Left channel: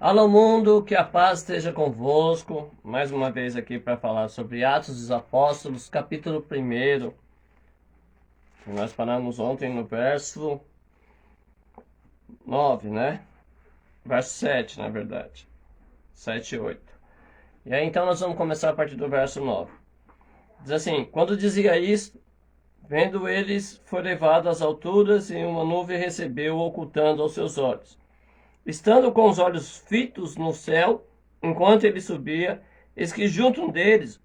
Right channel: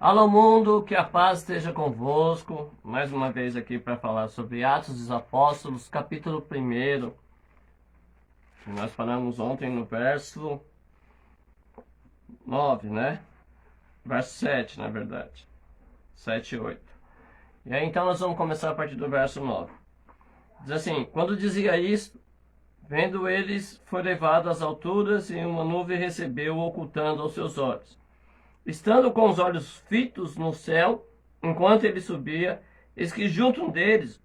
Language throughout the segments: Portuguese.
Alô mundo, que a paz esteja convosco. Mais uma vez aqui para falar sobre Atos dos Apóstolos, capítulo 1. Nós paramos ontem no verso 9, né? Verso 7, na verdade. 7 e 8. E aí então nós vamos começar a partir do verso 9. Diz assim: quando dizia isto, vendo eles, foi levado às alturas e uma nuvem recebeu, ocultando aos seus olhos. Estando com os olhos fitos no céu, enquanto ele subia, eis que junto deles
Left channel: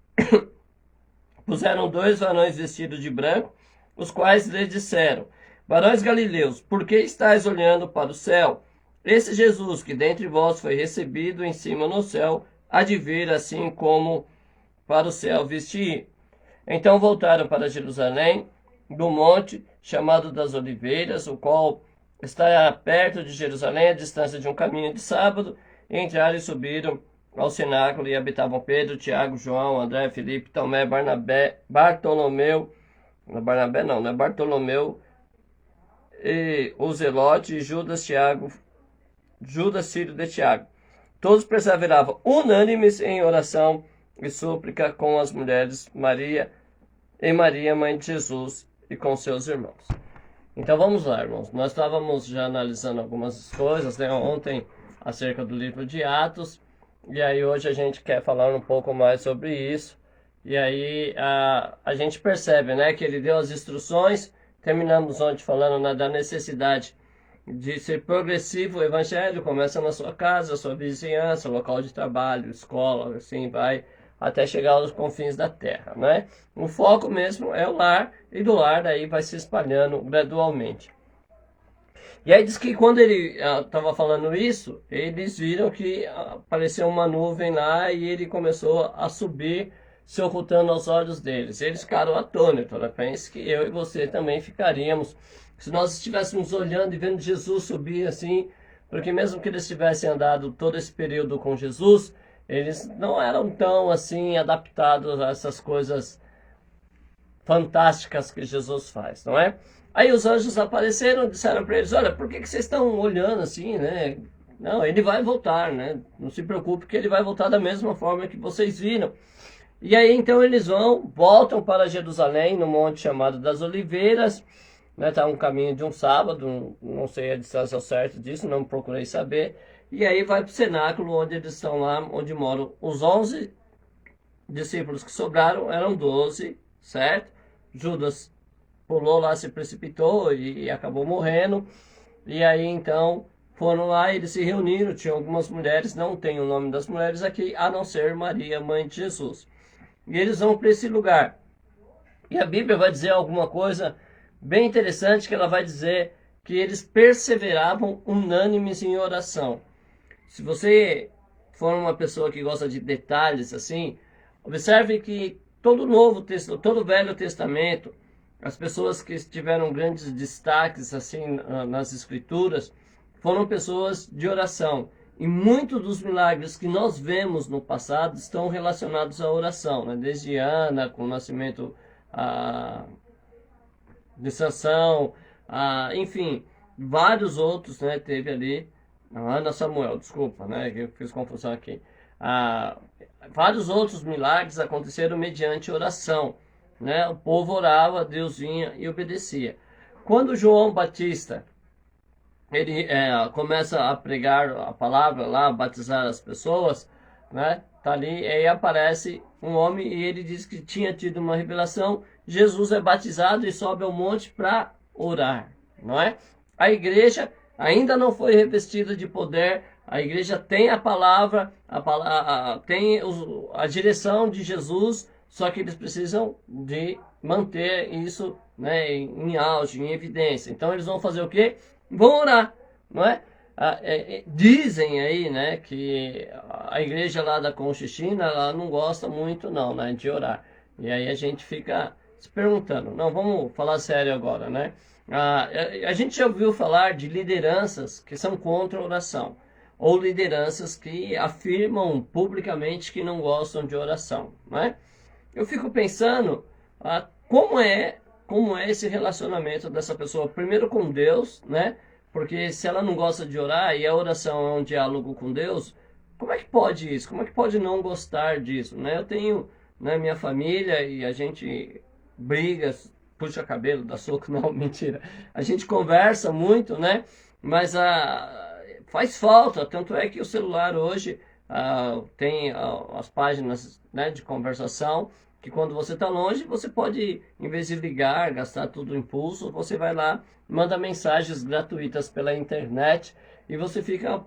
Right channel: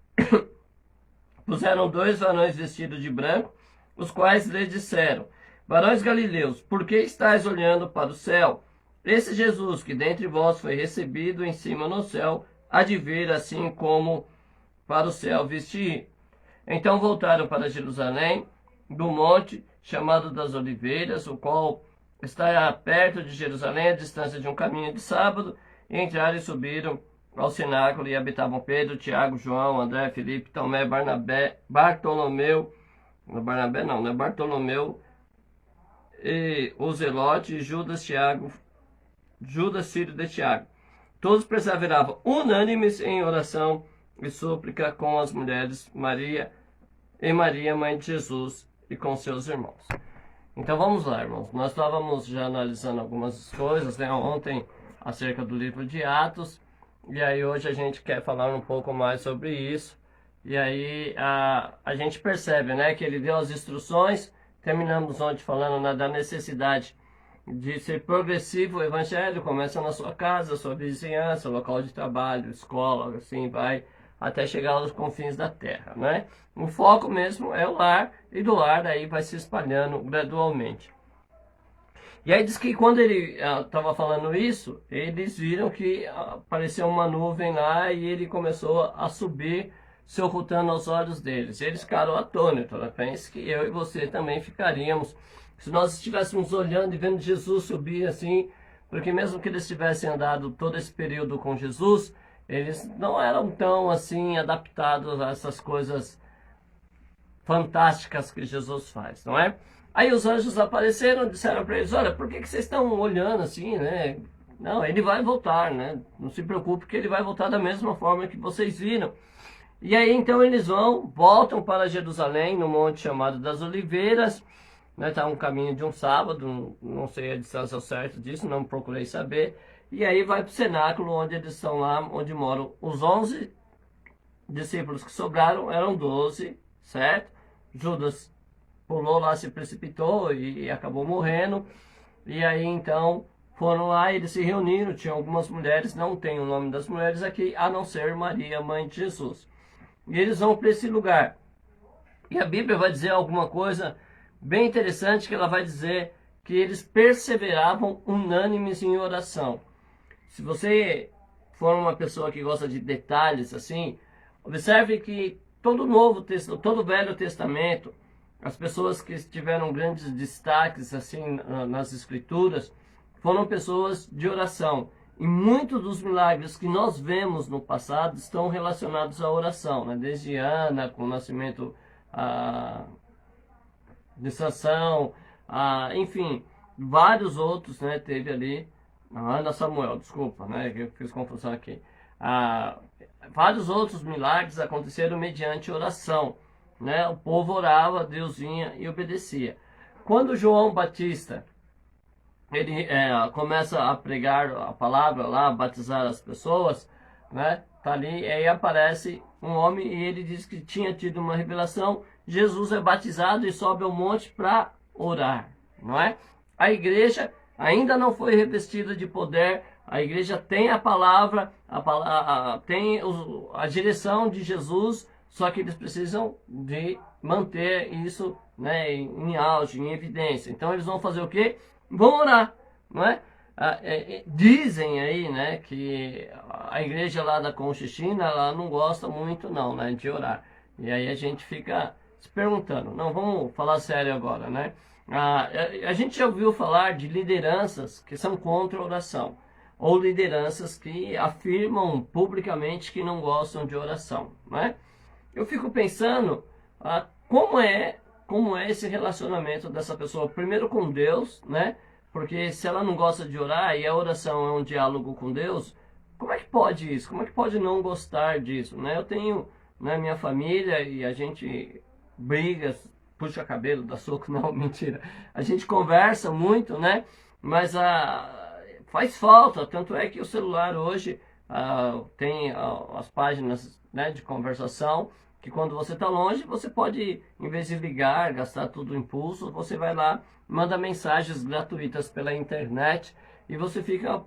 puseram dois varões vestidos de branco, os quais lhe disseram: varões galileus, por que estáis olhando para o céu? Esse Jesus, que dentre vós foi recebido em cima no céu, há de vir assim como para o céu vestir. Então voltaram para Jerusalém, do monte chamado das Oliveiras, o qual está perto de Jerusalém, a distância de um caminho de sábado, e entraram e subiram ao cenáculo, e habitavam Pedro, Tiago, João, André, Filipe, Tomé, Bartolomeu, Bartolomeu, e o Zelote, e Judas, filho de Tiago. Todos perseveravam unânimes em oração e súplica com as mulheres Maria, mãe de Jesus, e com seus irmãos. Então vamos lá, irmãos. Nós estávamos já analisando algumas coisas, né, ontem acerca do livro de Atos, e aí hoje a gente quer falar um pouco mais sobre isso. E aí a gente percebe, né, que ele deu as instruções. Terminamos ontem falando, né, da necessidade de ser progressivo. O evangelho começa na sua casa, sua vizinhança, local de trabalho, escola, assim vai até chegar aos confins da terra, né? O foco mesmo é o lar, e do lar aí vai se espalhando gradualmente. E aí diz que quando ele estava falando isso, eles viram que apareceu uma nuvem lá e ele começou a subir, se ocultando aos olhos deles. Eles ficaram atônitos, né? Penso que eu e você também ficaríamos, se nós estivéssemos olhando e vendo Jesus subir assim, porque mesmo que eles tivessem andado todo esse período com Jesus, eles não eram tão assim adaptados a essas coisas fantásticas que Jesus faz, não é? Aí os anjos apareceram e disseram para eles: olha, por que vocês estão olhando assim, né? Não, ele vai voltar, né? Não se preocupe que ele vai voltar da mesma forma que vocês viram. E aí então eles voltam para Jerusalém, no monte chamado das Oliveiras, né? Tá um caminho de um sábado, não sei a distância certa disso, não procurei saber. E aí vai para o cenáculo, onde eles estão lá, onde moram os 11 discípulos que sobraram, eram 12, certo? Judas pulou lá, se precipitou e acabou morrendo. E aí então foram lá, eles se reuniram, tinha algumas mulheres, não tem o nome das mulheres aqui, a não ser Maria, mãe de Jesus. E eles vão para esse lugar. E a Bíblia vai dizer alguma coisa bem interessante, que ela vai dizer que eles perseveravam unânimes em oração. Se você for uma pessoa que gosta de detalhes assim, observe que todo o Velho Testamento, as pessoas que tiveram grandes destaques assim nas Escrituras, foram pessoas de oração. E muitos dos milagres que nós vemos no passado estão relacionados à oração, né? Desde Ana, com o nascimento de Sansão, enfim, vários outros, né? Teve ali, Ana Samuel, desculpa, né? Eu fiz confusão aqui. Vários outros milagres aconteceram mediante oração, né? O povo orava, Deus vinha e obedecia. Quando João Batista ele começa a pregar a palavra lá, a batizar as pessoas, né? Tá ali, aí aparece um homem e ele diz que tinha tido uma revelação. Jesus é batizado e sobe ao monte para orar, não é? A igreja ainda não foi revestida de poder. A igreja tem a palavra, tem a direção de Jesus, só que eles precisam de manter isso, né, em auge, em evidência. Então eles vão fazer o quê? Vão orar, não é? Dizem aí, né, que a igreja lá da Conchichina, ela não gosta muito não, né, de orar. E aí a gente fica se perguntando. Não, vamos falar sério agora, né? A gente já ouviu falar de lideranças que são contra a oração, ou lideranças que afirmam publicamente que não gostam de oração, né? Eu fico pensando como é esse relacionamento dessa pessoa, primeiro com Deus, né? Porque se ela não gosta de orar e a oração é um diálogo com Deus, como é que pode isso? Como é que pode não gostar disso, né? Eu tenho, né, minha família e a gente briga, puxa cabelo, dá soco, não, mentira. A gente conversa muito, né? Mas faz falta, tanto é que o celular hoje tem as páginas, né, de conversação, que quando você está longe, você pode, em vez de ligar, gastar tudo o impulso, você vai lá, manda mensagens gratuitas pela internet e você fica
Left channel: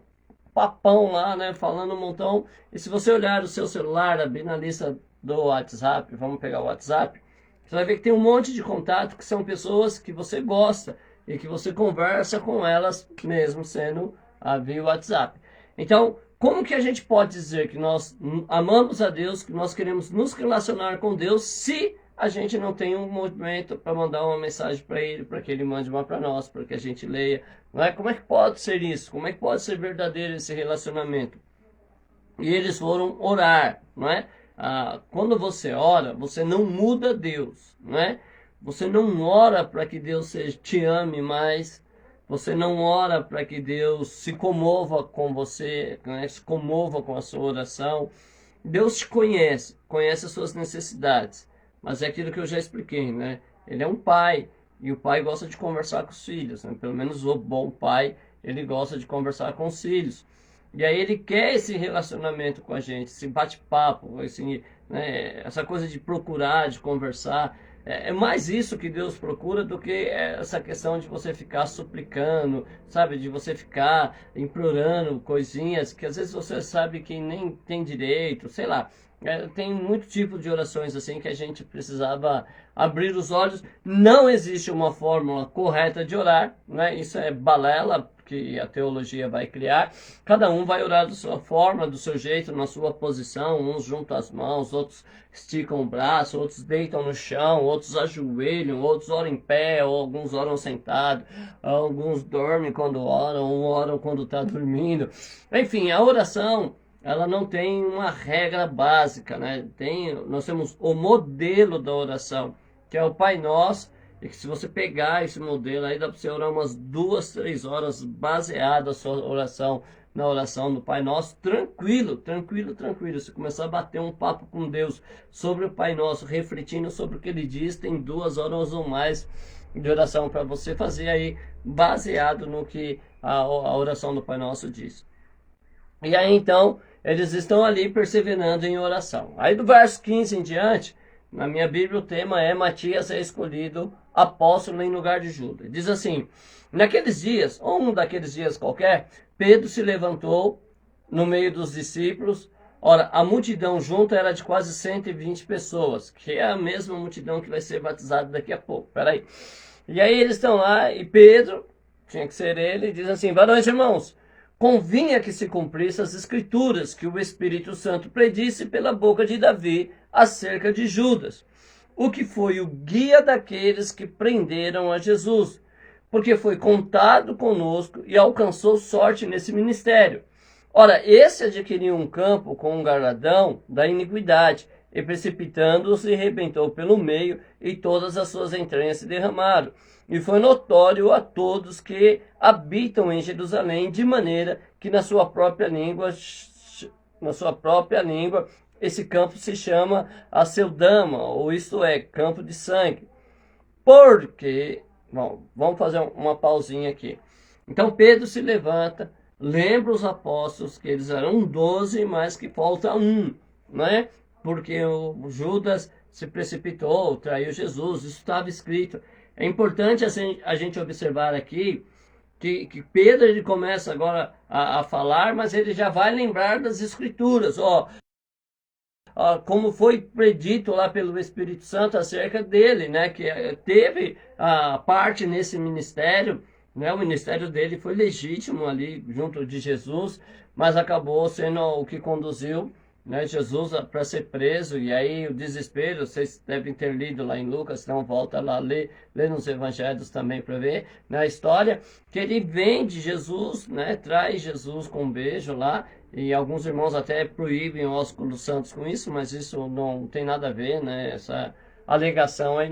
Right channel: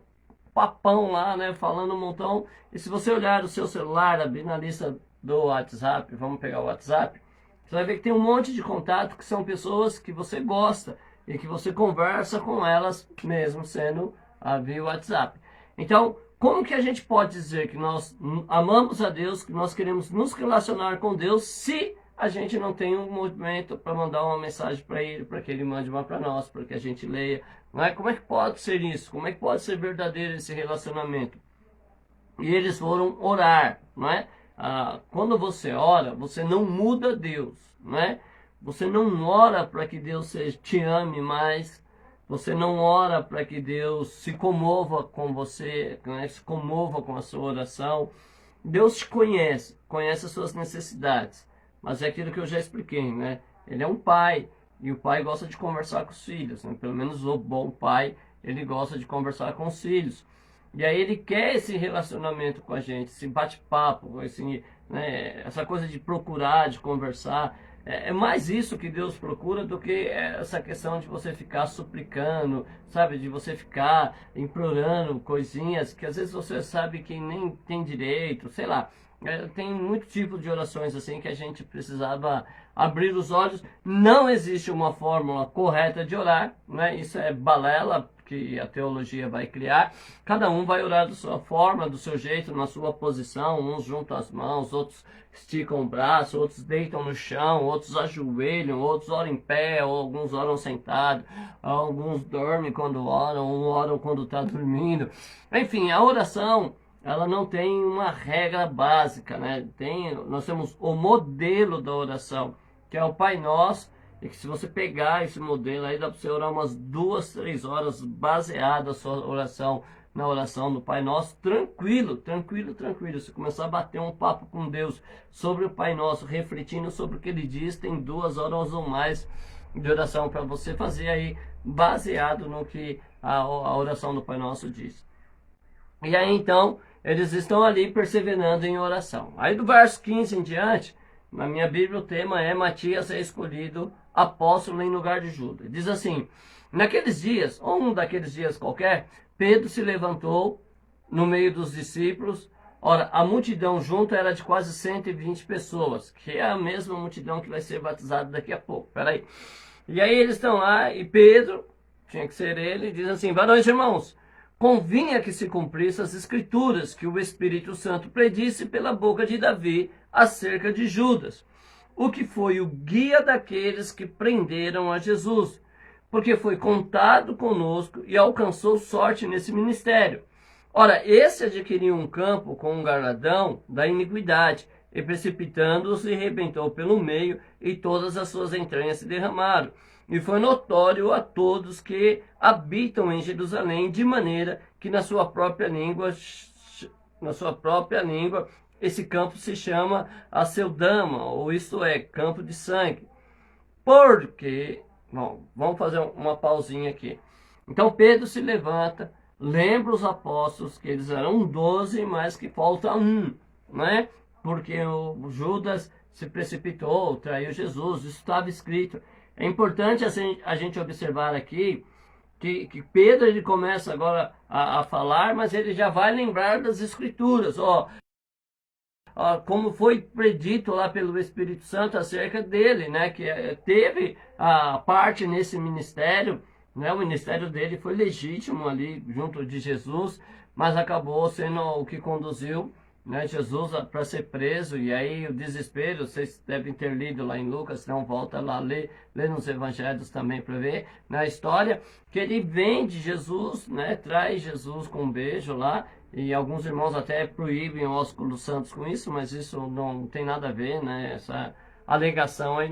papão lá, né, falando um montão. E se você olhar o seu celular, abrir na lista do WhatsApp, vamos pegar o WhatsApp, você vai ver que tem um monte de contato que são pessoas que você gosta e que você conversa com elas, mesmo sendo via WhatsApp. Então, como que a gente pode dizer que nós amamos a Deus, que nós queremos nos relacionar com Deus, se a gente não tem um movimento para mandar uma mensagem para Ele, para que Ele mande uma para nós, para que a gente leia? Não é? Como é que pode ser isso? Como é que pode ser verdadeiro esse relacionamento? E eles foram orar, não é? Quando você ora, você não muda Deus, não é? Você não ora para que Deus te ame mais. Você não ora para que Deus se comova com você, né? Se comova com a sua oração. Deus te conhece, conhece as suas necessidades. Mas é aquilo que eu já expliquei, né? Ele é um pai, e o pai gosta de conversar com os filhos, né? Pelo menos o bom pai, ele gosta de conversar com os filhos. E aí ele quer esse relacionamento com a gente, esse bate-papo, né? Essa coisa de procurar, de conversar. É mais isso que Deus procura do que essa questão de você ficar suplicando, sabe? De você ficar implorando coisinhas que às vezes você sabe que nem tem direito, sei lá. Tem muito tipo de orações assim que a gente precisava abrir os olhos. Não existe uma fórmula correta de orar, né? Isso é balela que a teologia vai criar. Cada um vai orar da sua forma, do seu jeito, na sua posição. Uns juntam as mãos, outros esticam o braço, outros deitam no chão, outros ajoelham, outros oram em pé, ou alguns oram sentados, alguns dormem quando oram, ou oram quando está dormindo. Enfim, a oração, ela não tem uma regra básica, né? Nós temos o modelo da oração, que é o Pai Nosso, e que se você pegar esse modelo aí, dá para você orar umas 2, 3 horas baseada a sua oração na oração do Pai Nosso, tranquilo, tranquilo, tranquilo. Se começar a bater um papo com Deus sobre o Pai Nosso, refletindo sobre o que Ele diz, tem 2 horas ou mais de oração para você fazer aí, baseado no que a oração do Pai Nosso diz. E aí então, eles estão ali perseverando em oração. Aí do verso 15 em diante, na minha Bíblia o tema é Matias é escolhido apóstolo em lugar de Judas. Diz assim: naqueles dias, ou um daqueles dias qualquer, Pedro se levantou no meio dos discípulos. Ora, a multidão junta era de quase 120 pessoas, que é a mesma multidão que vai ser batizada daqui a pouco. Peraí. E aí eles estão lá, e Pedro, tinha que ser ele, diz assim: varões irmãos, convinha que se cumprisse as escrituras que o Espírito Santo predisse pela boca de Davi acerca de Judas, o que foi o guia daqueles que prenderam a Jesus, porque foi contado conosco e alcançou sorte nesse ministério. Ora, esse adquiriu um campo com um galardão da iniquidade, e precipitando-o se rebentou pelo meio, e todas as suas entranhas se derramaram. E foi notório a todos que habitam em Jerusalém, de maneira que na sua própria língua, esse campo se chama Aceldama, ou isto é, campo de sangue. Porque, bom, vamos fazer uma pausinha aqui. Então Pedro se levanta, lembra os apóstolos que eles eram 12, mas que falta um, né? Porque o Judas se precipitou, traiu Jesus, isso estava escrito. É importante assim, a gente observar aqui que Pedro ele começa agora a falar, mas ele já vai lembrar das escrituras, como foi predito lá pelo Espírito Santo acerca dele, né? Que teve a parte nesse ministério, né? O ministério dele foi legítimo ali junto de Jesus, mas acabou sendo o que conduziu, né, Jesus para ser preso. E aí o desespero, vocês devem ter lido lá em Lucas, não volta lá, lê nos evangelhos também para ver na história, que ele vende Jesus, né, traz Jesus com um beijo lá, e alguns irmãos até proíbem o ósculo dos santos com isso, mas isso não tem nada a ver, né, alegação aí,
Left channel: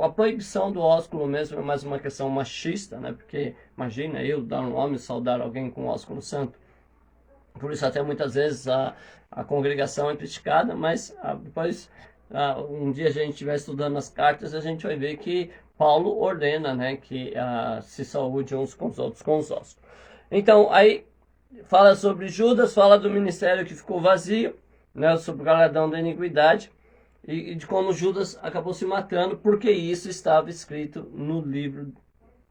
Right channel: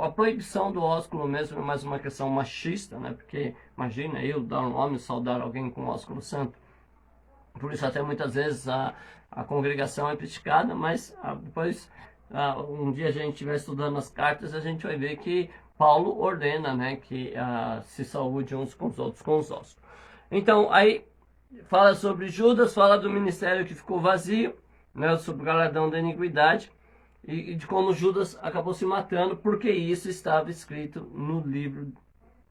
a proibição do ósculo mesmo é mais uma questão machista, né? Porque imagina eu dar um nome, saudar alguém com ósculo santo. Por isso até muitas vezes a congregação é criticada, mas depois, um dia a gente estiver estudando as cartas, a gente vai ver que Paulo ordena, né, que se saúde uns com os outros com os ossos. Então, aí fala sobre Judas, fala do ministério que ficou vazio, né, sobre o galardão da iniquidade, e de como Judas acabou se matando, porque isso estava escrito no livro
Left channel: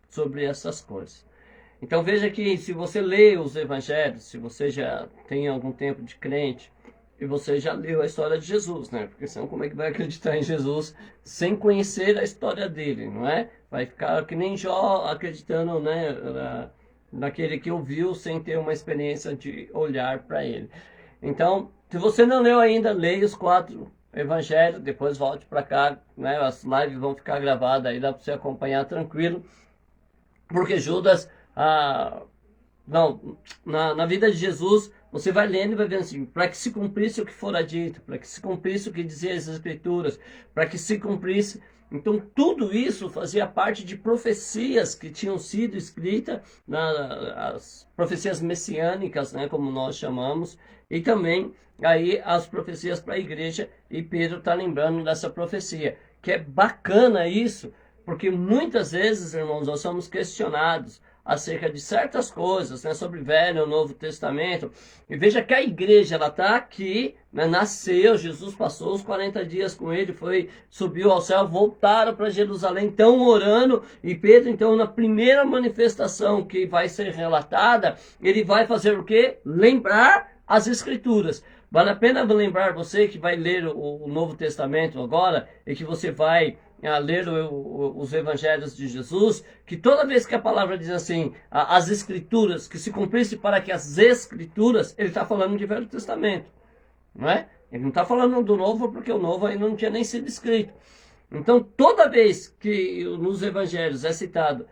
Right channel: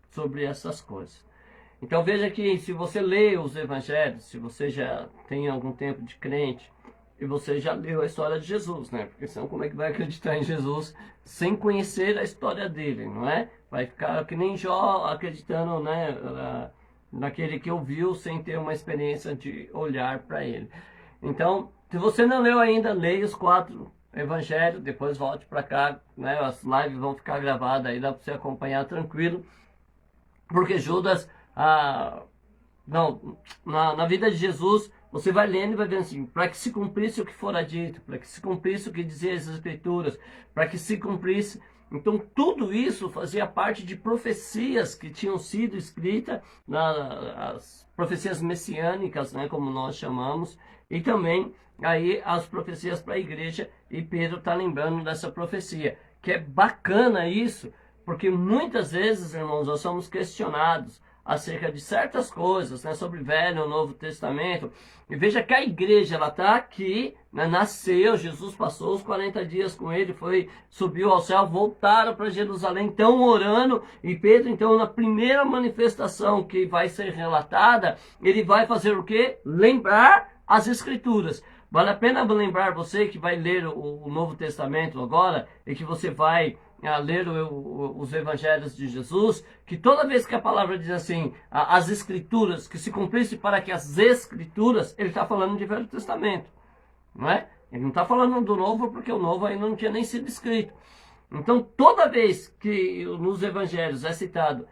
sobre essas coisas. Então veja que se você lê os evangelhos, se você já tem algum tempo de crente, e você já leu a história de Jesus, né? Porque senão como é que vai acreditar em Jesus sem conhecer a história dele, não é? Vai ficar que nem Jó acreditando, né, naquele que ouviu sem ter uma experiência de olhar para ele. Então, se você não leu ainda, leia os 4 evangelhos, depois volte para cá, né? As lives vão ficar gravadas aí, dá para você acompanhar tranquilo, porque Judas... na vida de Jesus, você vai lendo e vai vendo assim, para que se cumprisse o que fora dito, para que se cumprisse o que dizia as Escrituras, para que se cumprisse. Então, tudo isso fazia parte de profecias que tinham sido escritas, as profecias messiânicas, né, como nós chamamos, e também aí as profecias para a igreja, e Pedro está lembrando dessa profecia, que é bacana isso, porque muitas vezes, irmãos, nós somos questionados acerca de certas coisas, né, sobre o Velho e o Novo Testamento. E veja que a igreja, ela está aqui, né, nasceu, Jesus passou os 40 dias com ele, subiu ao céu, voltaram para Jerusalém, estão orando, e Pedro, então, na primeira manifestação que vai ser relatada, ele vai fazer o quê? Lembrar as Escrituras. Vale a pena lembrar você que vai ler o Novo Testamento agora, e que você vai ler os evangelhos de Jesus, que toda vez que a palavra diz assim, as Escrituras, que se cumprisse para que as Escrituras, ele está falando de Velho Testamento, não é? Ele não está falando do Novo, porque o Novo ainda não tinha nem sido escrito. Então, toda vez que nos evangelhos é citado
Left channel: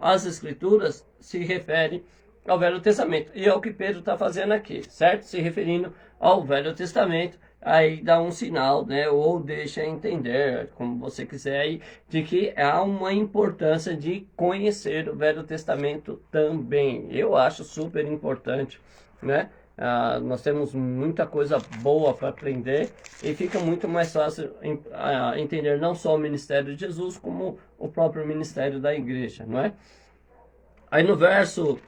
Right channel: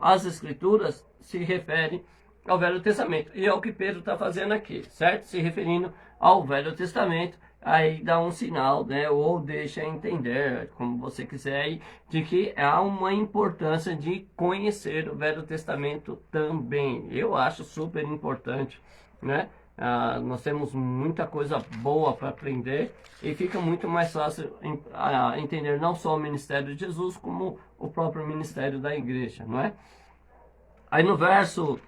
as Escrituras, se refere ao Velho Testamento. E é o que Pedro está fazendo aqui, certo? Se referindo ao Velho Testamento, aí dá um sinal, né, ou deixa entender, como você quiser, aí, de que há uma importância de conhecer o Velho Testamento também. Eu acho super importante, né? Nós temos muita coisa boa para aprender e fica muito mais fácil entender não só o ministério de Jesus, como o próprio ministério da igreja, não é? Aí no verso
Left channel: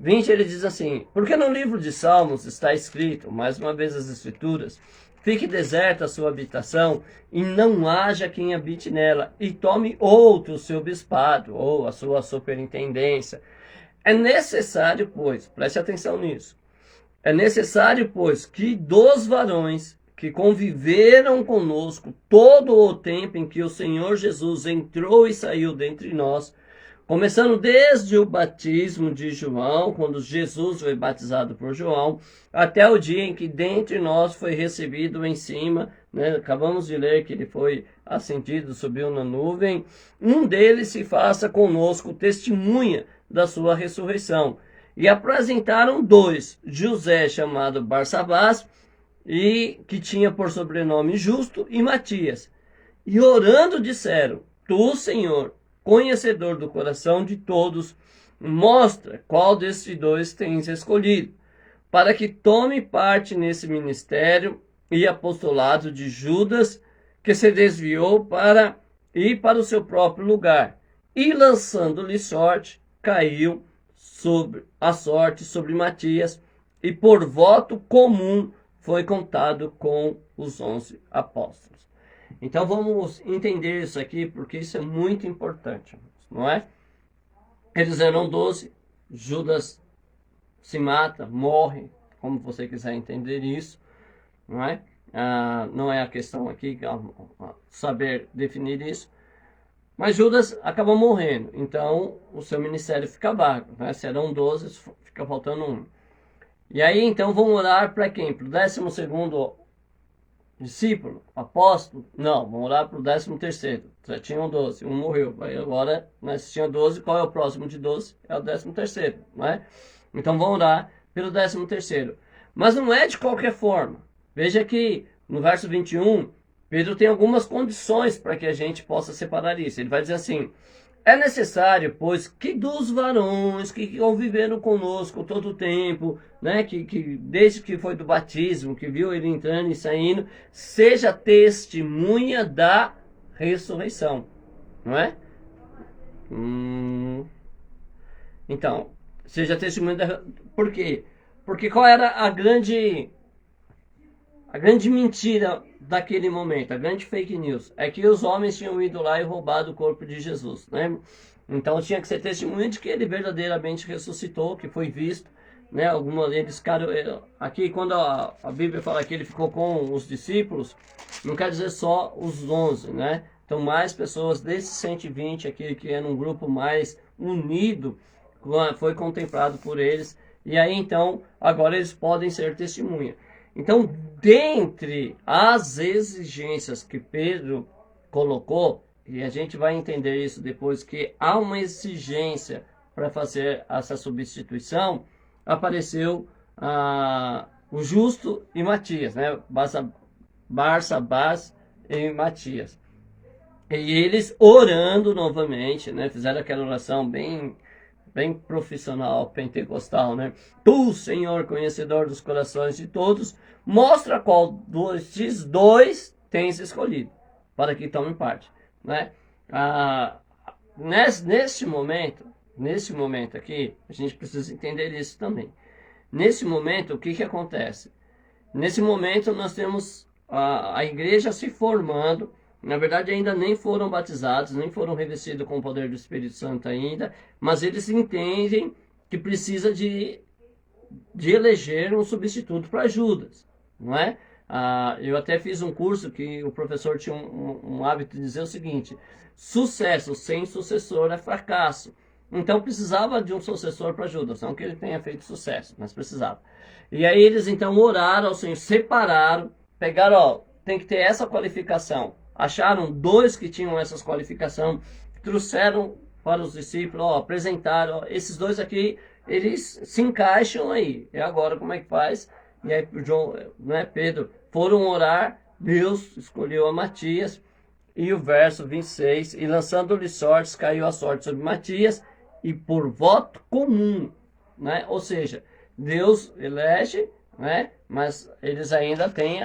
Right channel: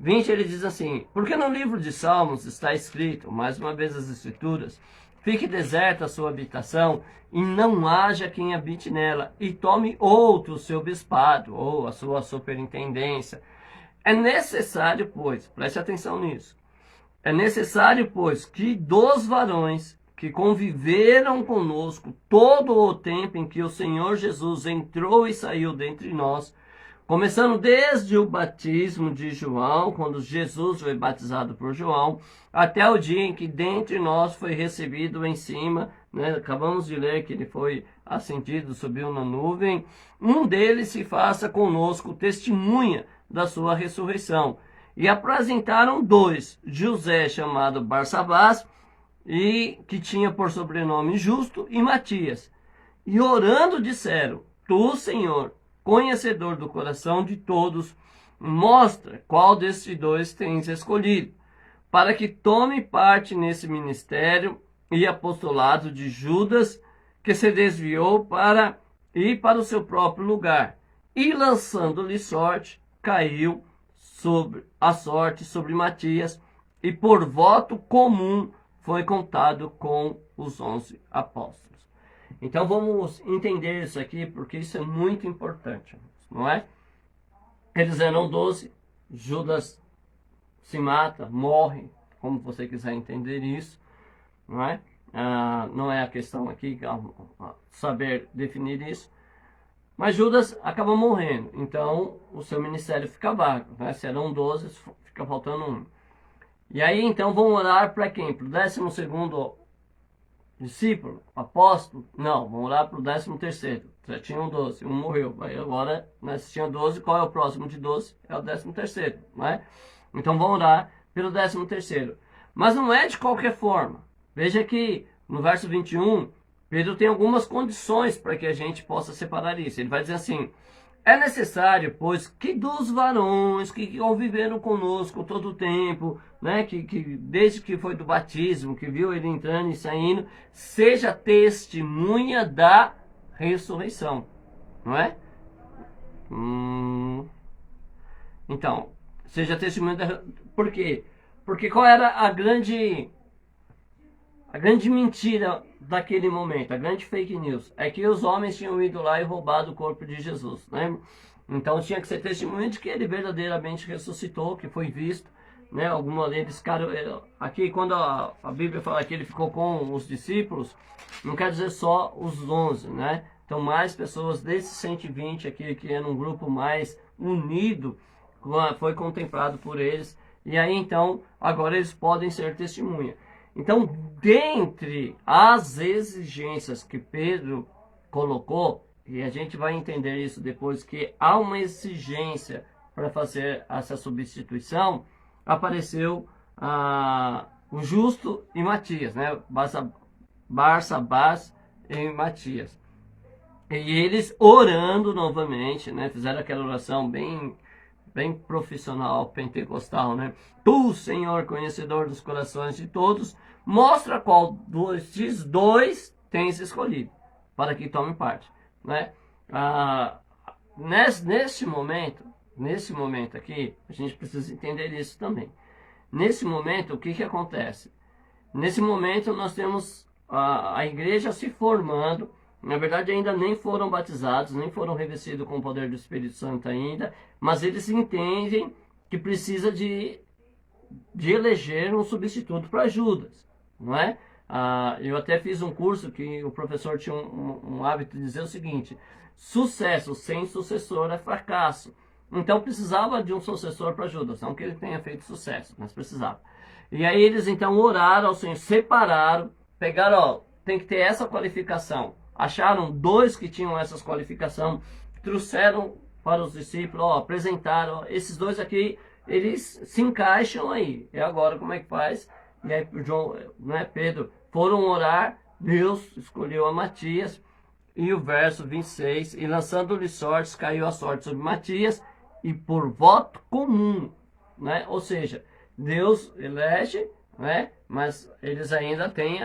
20 ele diz assim, porque no livro de Salmos está escrito, mais uma vez as Escrituras, fique deserta a sua habitação e não haja quem habite nela, e tome outro o seu bispado ou a sua superintendência. É necessário, pois, preste atenção nisso, é necessário, pois, que dos varões que conviveram conosco todo o tempo em que o Senhor Jesus entrou e saiu dentre nós, começando desde o batismo de João, quando Jesus foi batizado por João, até o dia em que dentre nós foi recebido em cima, né? Acabamos de ler que ele foi ascendido, subiu na nuvem, um deles se faça conosco testemunha da sua ressurreição. E apresentaram 2, José chamado Barsabás, e que tinha por sobrenome Justo, e Matias. E orando disseram, tu, Senhor, conhecedor do coração de todos, mostra qual desses 2 tens escolhido, para que tome parte nesse ministério e apostolado de Judas, que se desviou para ir para o seu próprio lugar, e lançando-lhe sorte, caiu sobre a sorte sobre Matias, e por voto comum foi contado com os 11 apóstolos. Então vamos entender isso aqui, porque isso é muito importante, não é? Eles eram 12, Judas se mata, morre, como você quiser entender isso, não é? Não é a questão aqui, saber definir isso, mas Judas acaba morrendo, então o seu ministério fica vago, né? Se eram 12, fica faltando 1. E aí então vão orar para quem? Para o 12º discípulo, apóstolo? Não, vamos orar para o 13º. Já tinham 12, um morreu. Aí agora, né, se tinha 12, qual é o próximo de 12? É o 13º, não é? Então vamos orar pelo 13º. Mas não é de qualquer forma. Veja que no verso 21, Pedro tem algumas condições para que a gente possa separar isso. Ele vai dizer assim: é necessário, pois, que dos varões que conviveram conosco todo o tempo, né, que desde que foi do batismo, que viu ele entrando e saindo, seja testemunha da ressurreição, não é? Então, seja testemunha da... Por quê? Porque qual era a grande mentira daquele momento, a grande fake news? É que os homens tinham ido lá e roubado o corpo de Jesus, né? Então tinha que ser testemunha de que ele verdadeiramente ressuscitou, que foi visto, né? Alguns deles ficaram... Aqui, quando a Bíblia fala que ele ficou com os discípulos, não quer dizer só os 11, né? Então mais pessoas desses 120 aqui, que era um grupo mais unido, foi contemplado por eles. E aí então, agora eles podem ser testemunha. Então, dentre as exigências que Pedro colocou, e a gente vai entender isso depois, que há uma exigência para fazer essa substituição, apareceu o Justo e Matias, né? Barsabás e Matias. E eles orando novamente, né? Fizeram aquela oração bem profissional, pentecostal, né? Tu, Senhor, conhecedor dos corações de todos, mostra qual destes dois tens escolhido, para que tomem parte, né? Nesse momento aqui, a gente precisa entender isso também. Nesse momento, o que acontece? Nesse momento, nós temos a igreja se formando. Na verdade, ainda nem foram batizados, nem foram revestidos com o poder do Espírito Santo ainda, mas eles entendem que precisa de eleger um substituto para Judas, não é? Eu até fiz um curso que o professor tinha um hábito de dizer o seguinte: sucesso sem sucessor é fracasso. Então precisava de um sucessor para Judas, não que ele tenha feito sucesso, mas precisava. E aí eles então oraram ao Senhor, separaram, pegaram, tem que ter essa qualificação. Acharam dois que tinham essas qualificações, trouxeram para os discípulos, apresentaram, esses dois aqui, eles se encaixam aí. E agora como é que faz? E aí João, né, Pedro, foram orar, Deus escolheu a Matias, e o verso 26, e lançando-lhe sortes, caiu a sorte sobre Matias, e por voto comum, né? Ou seja, Deus elege, né? Mas eles ainda têm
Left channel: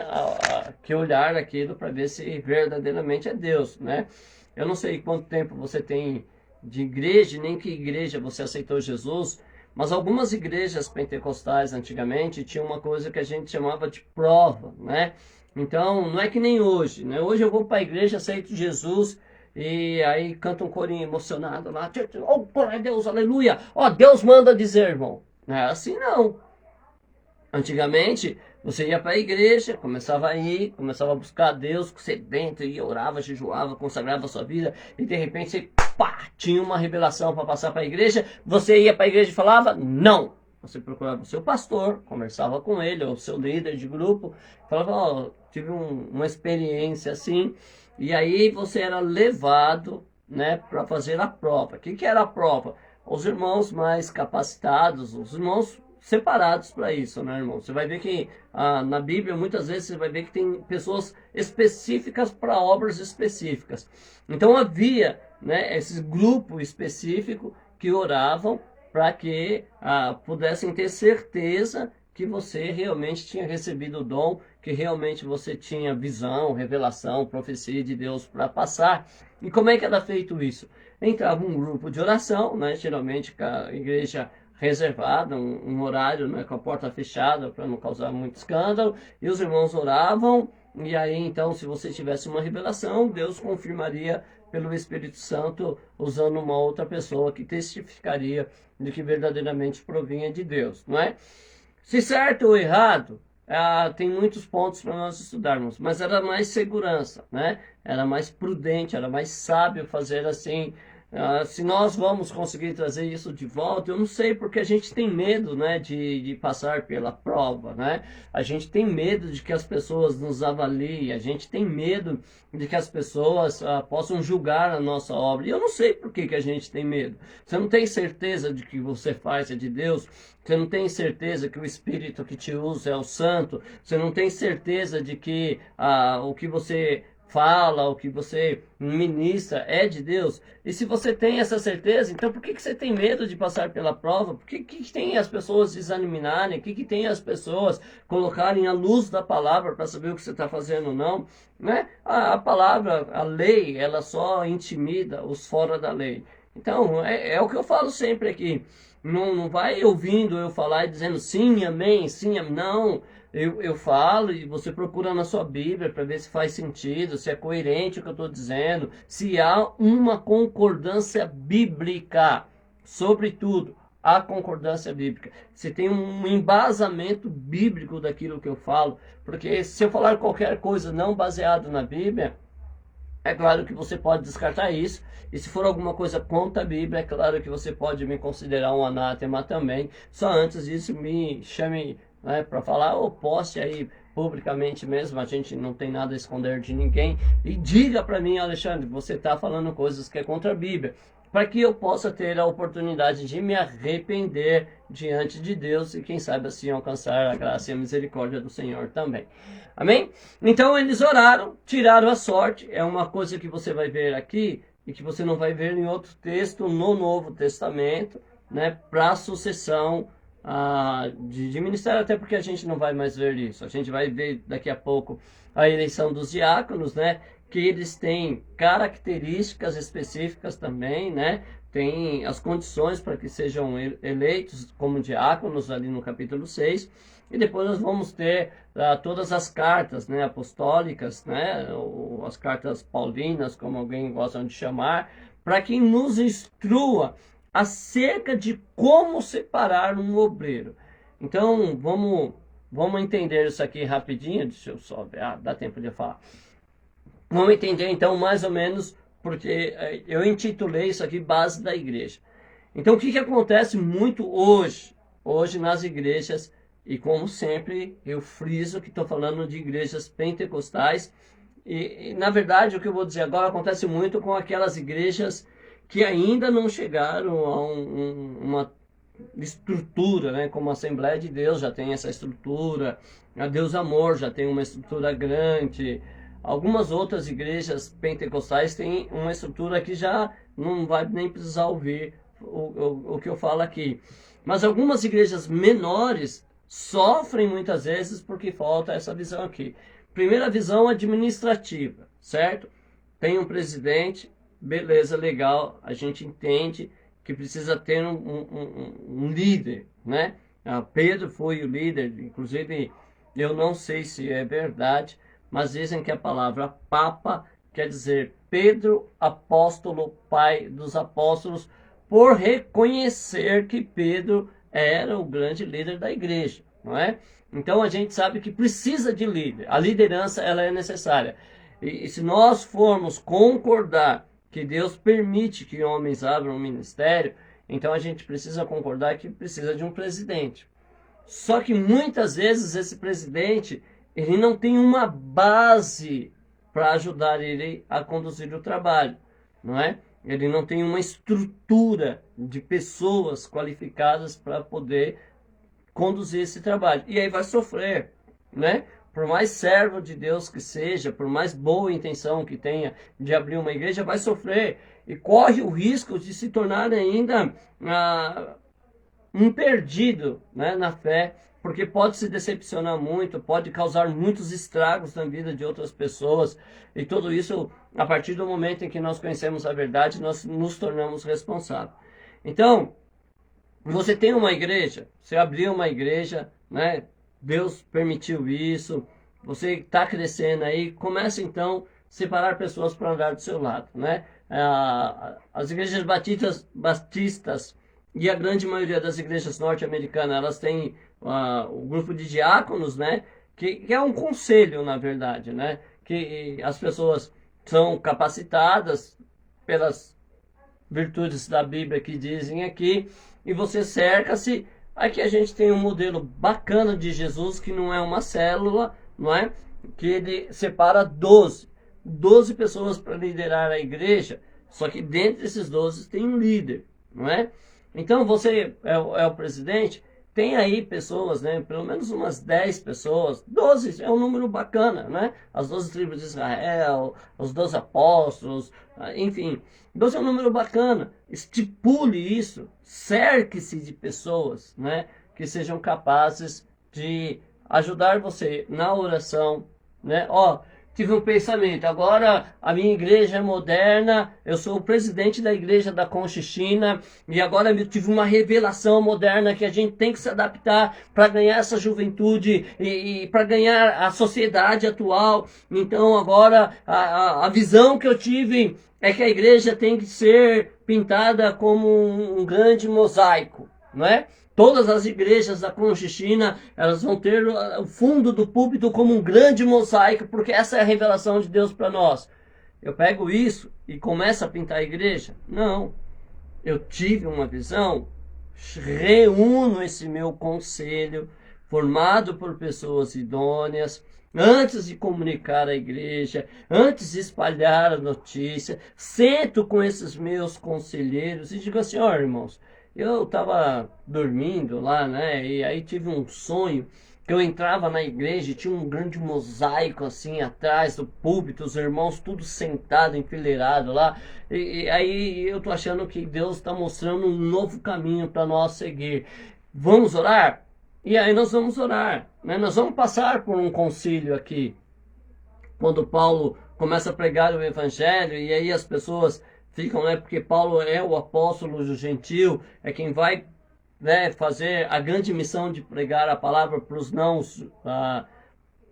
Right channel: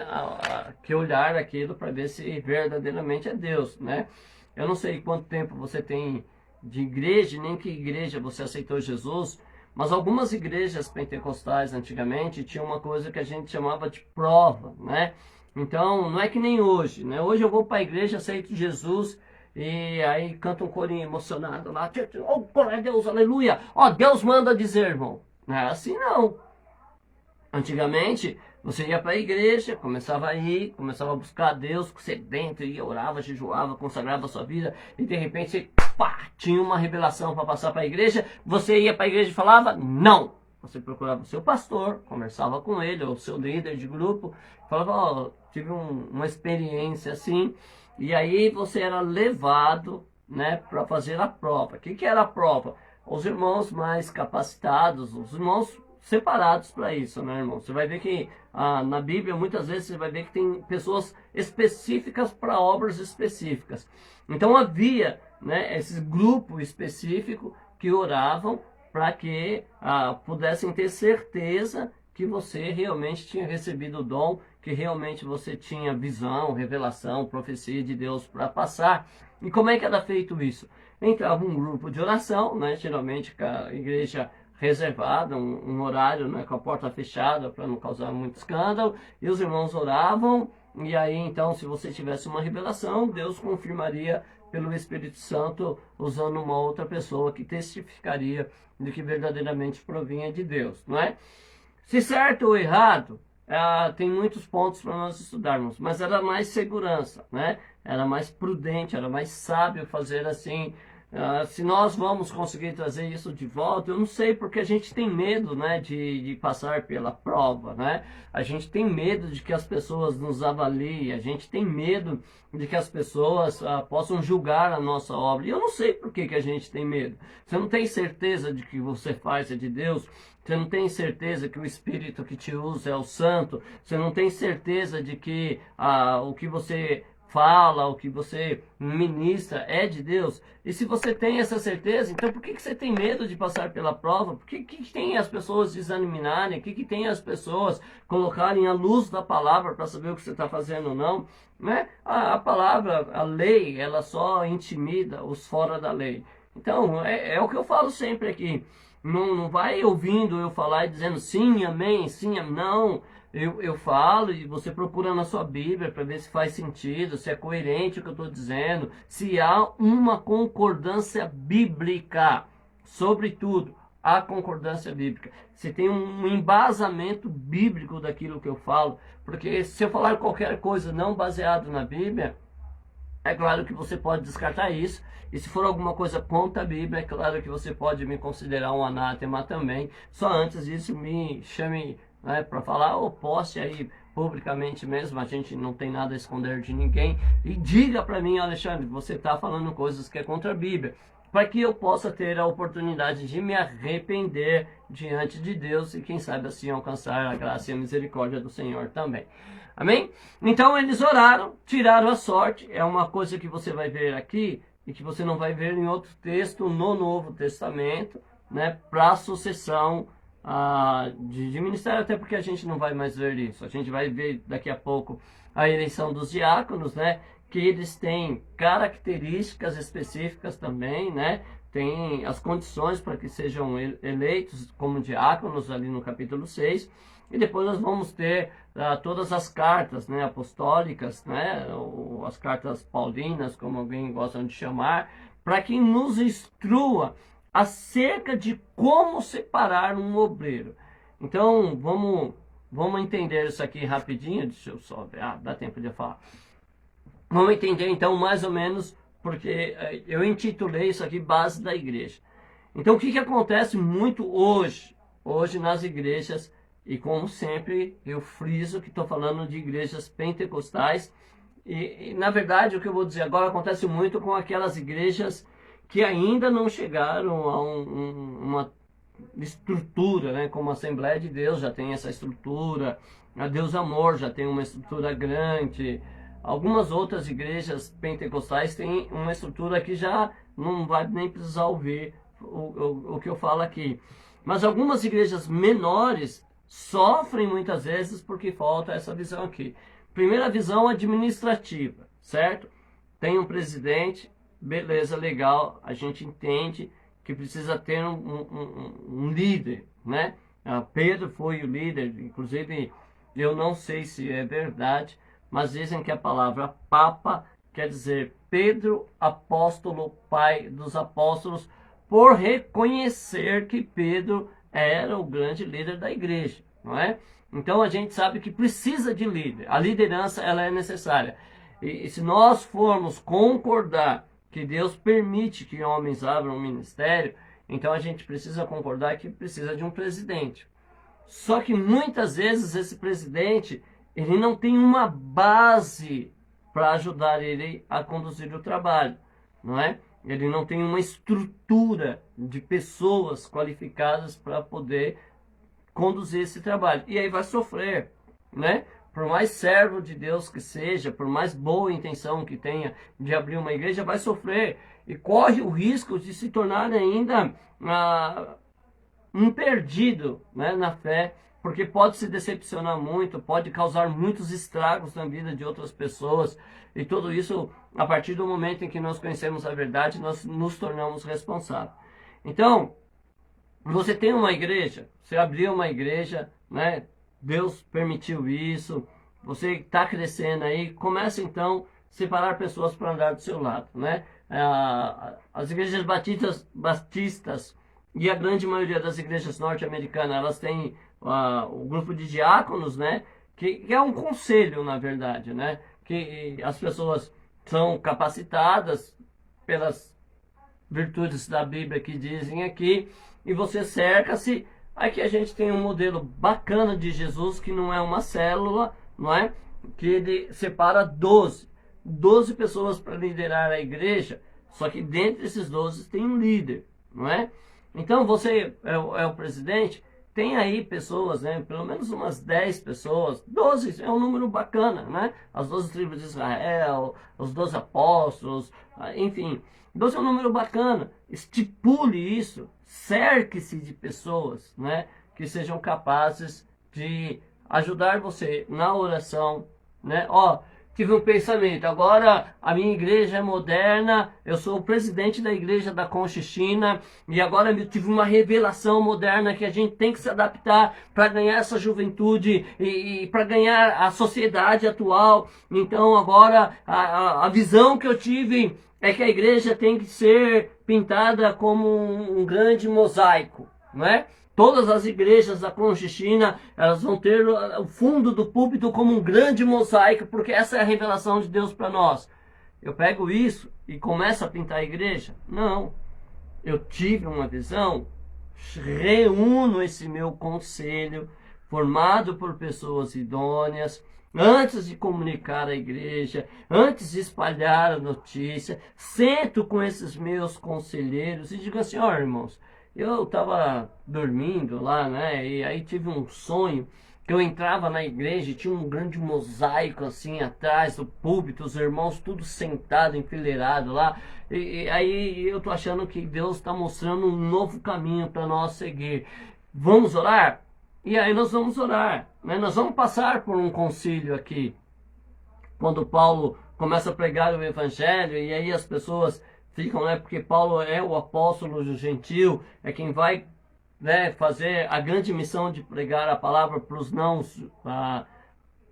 que olhar aquilo para ver se verdadeiramente é Deus, né? Eu não sei quanto tempo você tem de igreja, nem que igreja você aceitou Jesus, mas algumas igrejas pentecostais antigamente tinham uma coisa que a gente chamava de prova, né? Então, não é que nem hoje, né? Hoje eu vou para a igreja, aceito Jesus, e aí canta um corinho emocionado lá, oh, glória a Deus, aleluia, ó, Deus manda dizer, irmão. Não é assim não. Antigamente, você ia para a igreja, começava a ir, começava a buscar a Deus, sedento, ia, orava, jejuava, consagrava a sua vida, e de repente você, pá, tinha uma revelação para passar para a igreja, você ia para a igreja e falava, não. Você procurava o seu pastor, conversava com ele, ou o seu líder de grupo, falava, ó, tive uma experiência assim, e aí você era levado, né, para fazer a prova. O que era a prova? Os irmãos mais capacitados, os irmãos separados para isso, né, irmão? Você vai ver que na Bíblia, muitas vezes, você vai ver que tem pessoas específicas para obras específicas. Então havia, né, esse grupo específico que oravam para que pudessem ter certeza que você realmente tinha recebido o dom, que realmente você tinha visão, revelação, profecia de Deus para passar. E como é que era feito isso? Entrava um grupo de oração, né, geralmente com a igreja reservada, um horário, né, com a porta fechada para não causar muito escândalo, e os irmãos oravam, e aí então se você tivesse uma revelação, Deus confirmaria pelo Espírito Santo, usando uma outra pessoa que testificaria de que verdadeiramente provinha de Deus, não é? Se certo ou errado, tem muitos pontos para nós estudarmos, mas era mais segurança, né? Era mais prudente, era mais sábio fazer assim. Se nós vamos conseguir trazer isso de volta, eu não sei, porque a gente tem medo, né, de passar pela prova, né? A gente tem medo de que as pessoas nos avaliem, a gente tem medo de que as pessoas possam julgar a nossa obra. E eu não sei por que a gente tem medo. Você não tem certeza de que você faz é de Deus? Você não tem certeza que o Espírito que te usa é o Santo? Você não tem certeza de que o que você fala, o que você ministra é de Deus. E se você tem essa certeza, então por que você tem medo de passar pela prova? Por que tem as pessoas desanimarem? Por que tem as pessoas colocarem a luz da palavra para saber o que você está fazendo ou não? Né? A palavra, a lei, ela só intimida os fora da lei. Então, é o que eu falo sempre aqui. Não vai ouvindo eu falar e dizendo sim, amém, sim, amém. Não. Eu falo e você procura na sua Bíblia para ver se faz sentido, se é coerente o que eu estou dizendo, se há uma concordância bíblica, sobretudo a concordância bíblica. Se tem um embasamento bíblico daquilo que eu falo, porque se eu falar qualquer coisa não baseado na Bíblia, é claro que você pode descartar isso. E se for alguma coisa contra a Bíblia, é claro que você pode me considerar um anátema também. Só antes disso, me chame, né, para falar, ou poste aí publicamente mesmo, a gente não tem nada a esconder de ninguém. E diga para mim, Alexandre, você está falando coisas que é contra a Bíblia, para que eu possa ter a oportunidade de me arrepender diante de Deus e quem sabe assim alcançar a graça e a misericórdia do Senhor também. Amém? Então eles oraram, tiraram a sorte, é uma coisa que você vai ver aqui e que você não vai ver em outro texto no Novo Testamento, né, para a sucessão de ministério, até porque a gente não vai mais ver isso. A gente vai ver daqui a pouco a eleição dos diáconos, né, que eles têm características específicas também, né, tem as condições para que sejam eleitos como diáconos ali no capítulo 6. E depois nós vamos ter todas as cartas, né, apostólicas, né, ou as cartas paulinas, como alguém gosta de chamar, para que nos instrua acerca de como separar um obreiro. Então, vamos entender isso aqui rapidinho. Deixa eu só ver, dá tempo de falar. Vamos entender então mais ou menos, porque eu intitulei isso aqui Base da Igreja. Então, o que acontece muito hoje nas igrejas? E como sempre, eu friso que estou falando de igrejas pentecostais. E, na verdade, o que eu vou dizer agora acontece muito com aquelas igrejas que ainda não chegaram a uma estrutura, né? Como a Assembleia de Deus já tem essa estrutura, a Deus Amor já tem uma estrutura grande. Algumas outras igrejas pentecostais têm uma estrutura que já não vai nem precisar ouvir o que eu falo aqui. Mas algumas igrejas menores sofrem muitas vezes porque falta essa visão aqui. Primeira visão administrativa, certo? Tem um presidente, beleza, legal, a gente entende que precisa ter um líder, né? Pedro foi o líder, inclusive eu não sei se é verdade, mas dizem que a palavra Papa quer dizer Pedro, apóstolo, pai dos apóstolos, por reconhecer que Pedro era o grande líder da igreja, não é? Então a gente sabe que precisa de líder. A liderança, ela é necessária. E se nós formos concordar que Deus permite que homens abram um ministério, então a gente precisa concordar que precisa de um presidente. Só que muitas vezes esse presidente, ele não tem uma base para ajudar ele a conduzir o trabalho, não é? Ele não tem uma estrutura de pessoas qualificadas para poder conduzir esse trabalho. E aí vai sofrer, né? Por mais servo de Deus que seja, por mais boa intenção que tenha de abrir uma igreja, vai sofrer. E corre o risco de se tornar ainda um perdido, né, na fé, porque pode se decepcionar muito, pode causar muitos estragos na vida de outras pessoas. E tudo isso, a partir do momento em que nós conhecemos a verdade, nós nos tornamos responsáveis. Então, você tem uma igreja, você abriu uma igreja, né? Deus permitiu isso, você está crescendo aí, começa então a separar pessoas para andar do seu lado, né? As igrejas batistas e a grande maioria das igrejas norte-americanas, elas têm o grupo de diáconos, né? Que é um conselho, na verdade, né? Que as pessoas são capacitadas pelas virtudes da Bíblia que dizem aqui, e você cerca-se. Aqui a gente tem um modelo bacana de Jesus, que não é uma célula, não é? Que ele separa 12 pessoas para liderar a igreja, só que dentro desses 12 tem um líder, não é? Então você é o presidente, tem aí pessoas, né, pelo menos umas 10 pessoas, 12 é um número bacana, né? As 12 tribos de Israel, os 12 apóstolos, enfim, 12 é um número bacana. Estipule isso, cerque-se de pessoas, né, que sejam capazes de ajudar você na oração, né? Ó, tive um pensamento, agora a minha igreja é moderna, eu sou o presidente da igreja da Conchichina, e agora eu tive uma revelação moderna que a gente tem que se adaptar para ganhar essa juventude e para ganhar a sociedade atual. Então agora a visão que eu tive é que a igreja tem que ser pintada como um grande mosaico, não é? Todas as igrejas da Conchichina, elas vão ter o fundo do púlpito como um grande mosaico, porque essa é a revelação de Deus para nós. Eu pego isso e começo a pintar a igreja? Não. Eu tive uma visão, reúno esse meu conselho, formado por pessoas idôneas, antes de comunicar à igreja, antes de espalhar a notícia, sento com esses meus conselheiros e digo assim, ó, irmãos, eu estava dormindo lá, né? E aí tive um sonho que eu entrava na igreja e tinha um grande mosaico assim atrás do púlpito, os irmãos tudo sentado, enfileirado lá. E aí eu tô achando que Deus está mostrando um novo caminho para nós seguir. Vamos orar? E aí nós vamos orar, né? Nós vamos passar por um concílio aqui. Quando Paulo começa a pregar o evangelho e aí as pessoas ficam, né? Porque Paulo é o apóstolo do gentil, é quem vai, né, fazer a grande missão de pregar a palavra para os não, para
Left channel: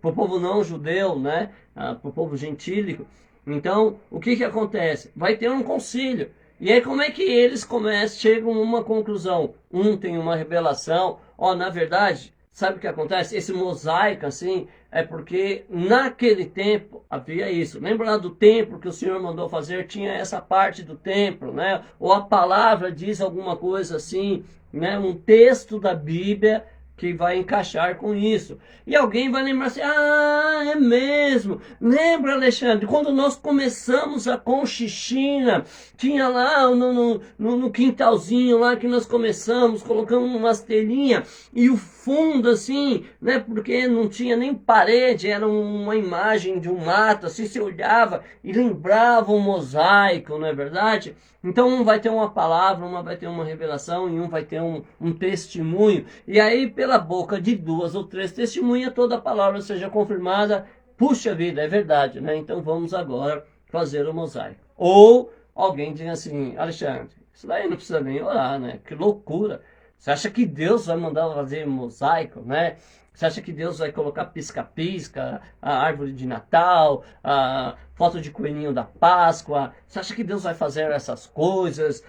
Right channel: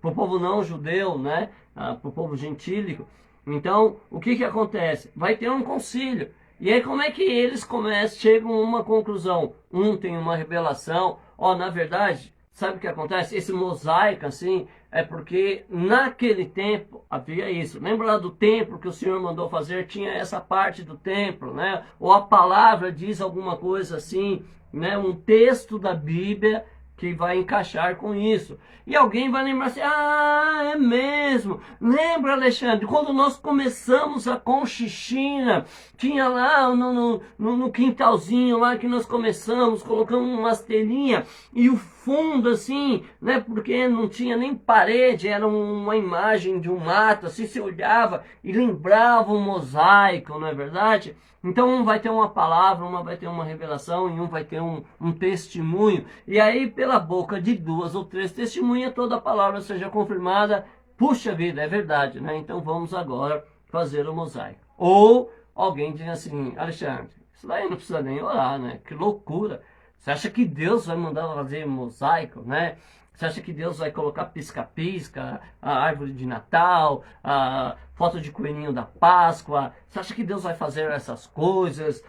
o povo não judeu, né? Para o povo gentílico. Então, o que acontece? Vai ter um concílio. E aí como é que eles chegam a uma conclusão? Um tem uma revelação, ó, na verdade, sabe o que acontece? Esse mosaico, assim, é porque naquele tempo havia isso. Lembra lá do templo que o Senhor mandou fazer? Tinha essa parte do templo, né? Ou a palavra diz alguma coisa assim, né? Um texto da Bíblia que vai encaixar com isso. E alguém vai lembrar assim, ah, é mesmo. Lembra, Alexandre, quando nós começamos a Conchichina, tinha lá no quintalzinho lá que nós começamos, colocamos umas telinhas e o fundo assim, né, porque não tinha nem parede, era uma imagem de um mato, assim, você olhava e lembrava um mosaico, não é verdade? Então um vai ter uma palavra, uma vai ter uma revelação e um vai ter um testemunho. E aí pela boca de 2 ou 3 testemunhas toda a palavra seja confirmada. Puxa vida, é verdade, né? Então vamos agora fazer o mosaico. Ou alguém diz assim, Alexandre, isso daí não precisa nem orar, né? Que loucura. Você acha que Deus vai mandar fazer mosaico, né? Você acha que Deus vai colocar pisca-pisca, a árvore de Natal, a foto de coelhinho da Páscoa? Você acha que Deus vai fazer essas coisas?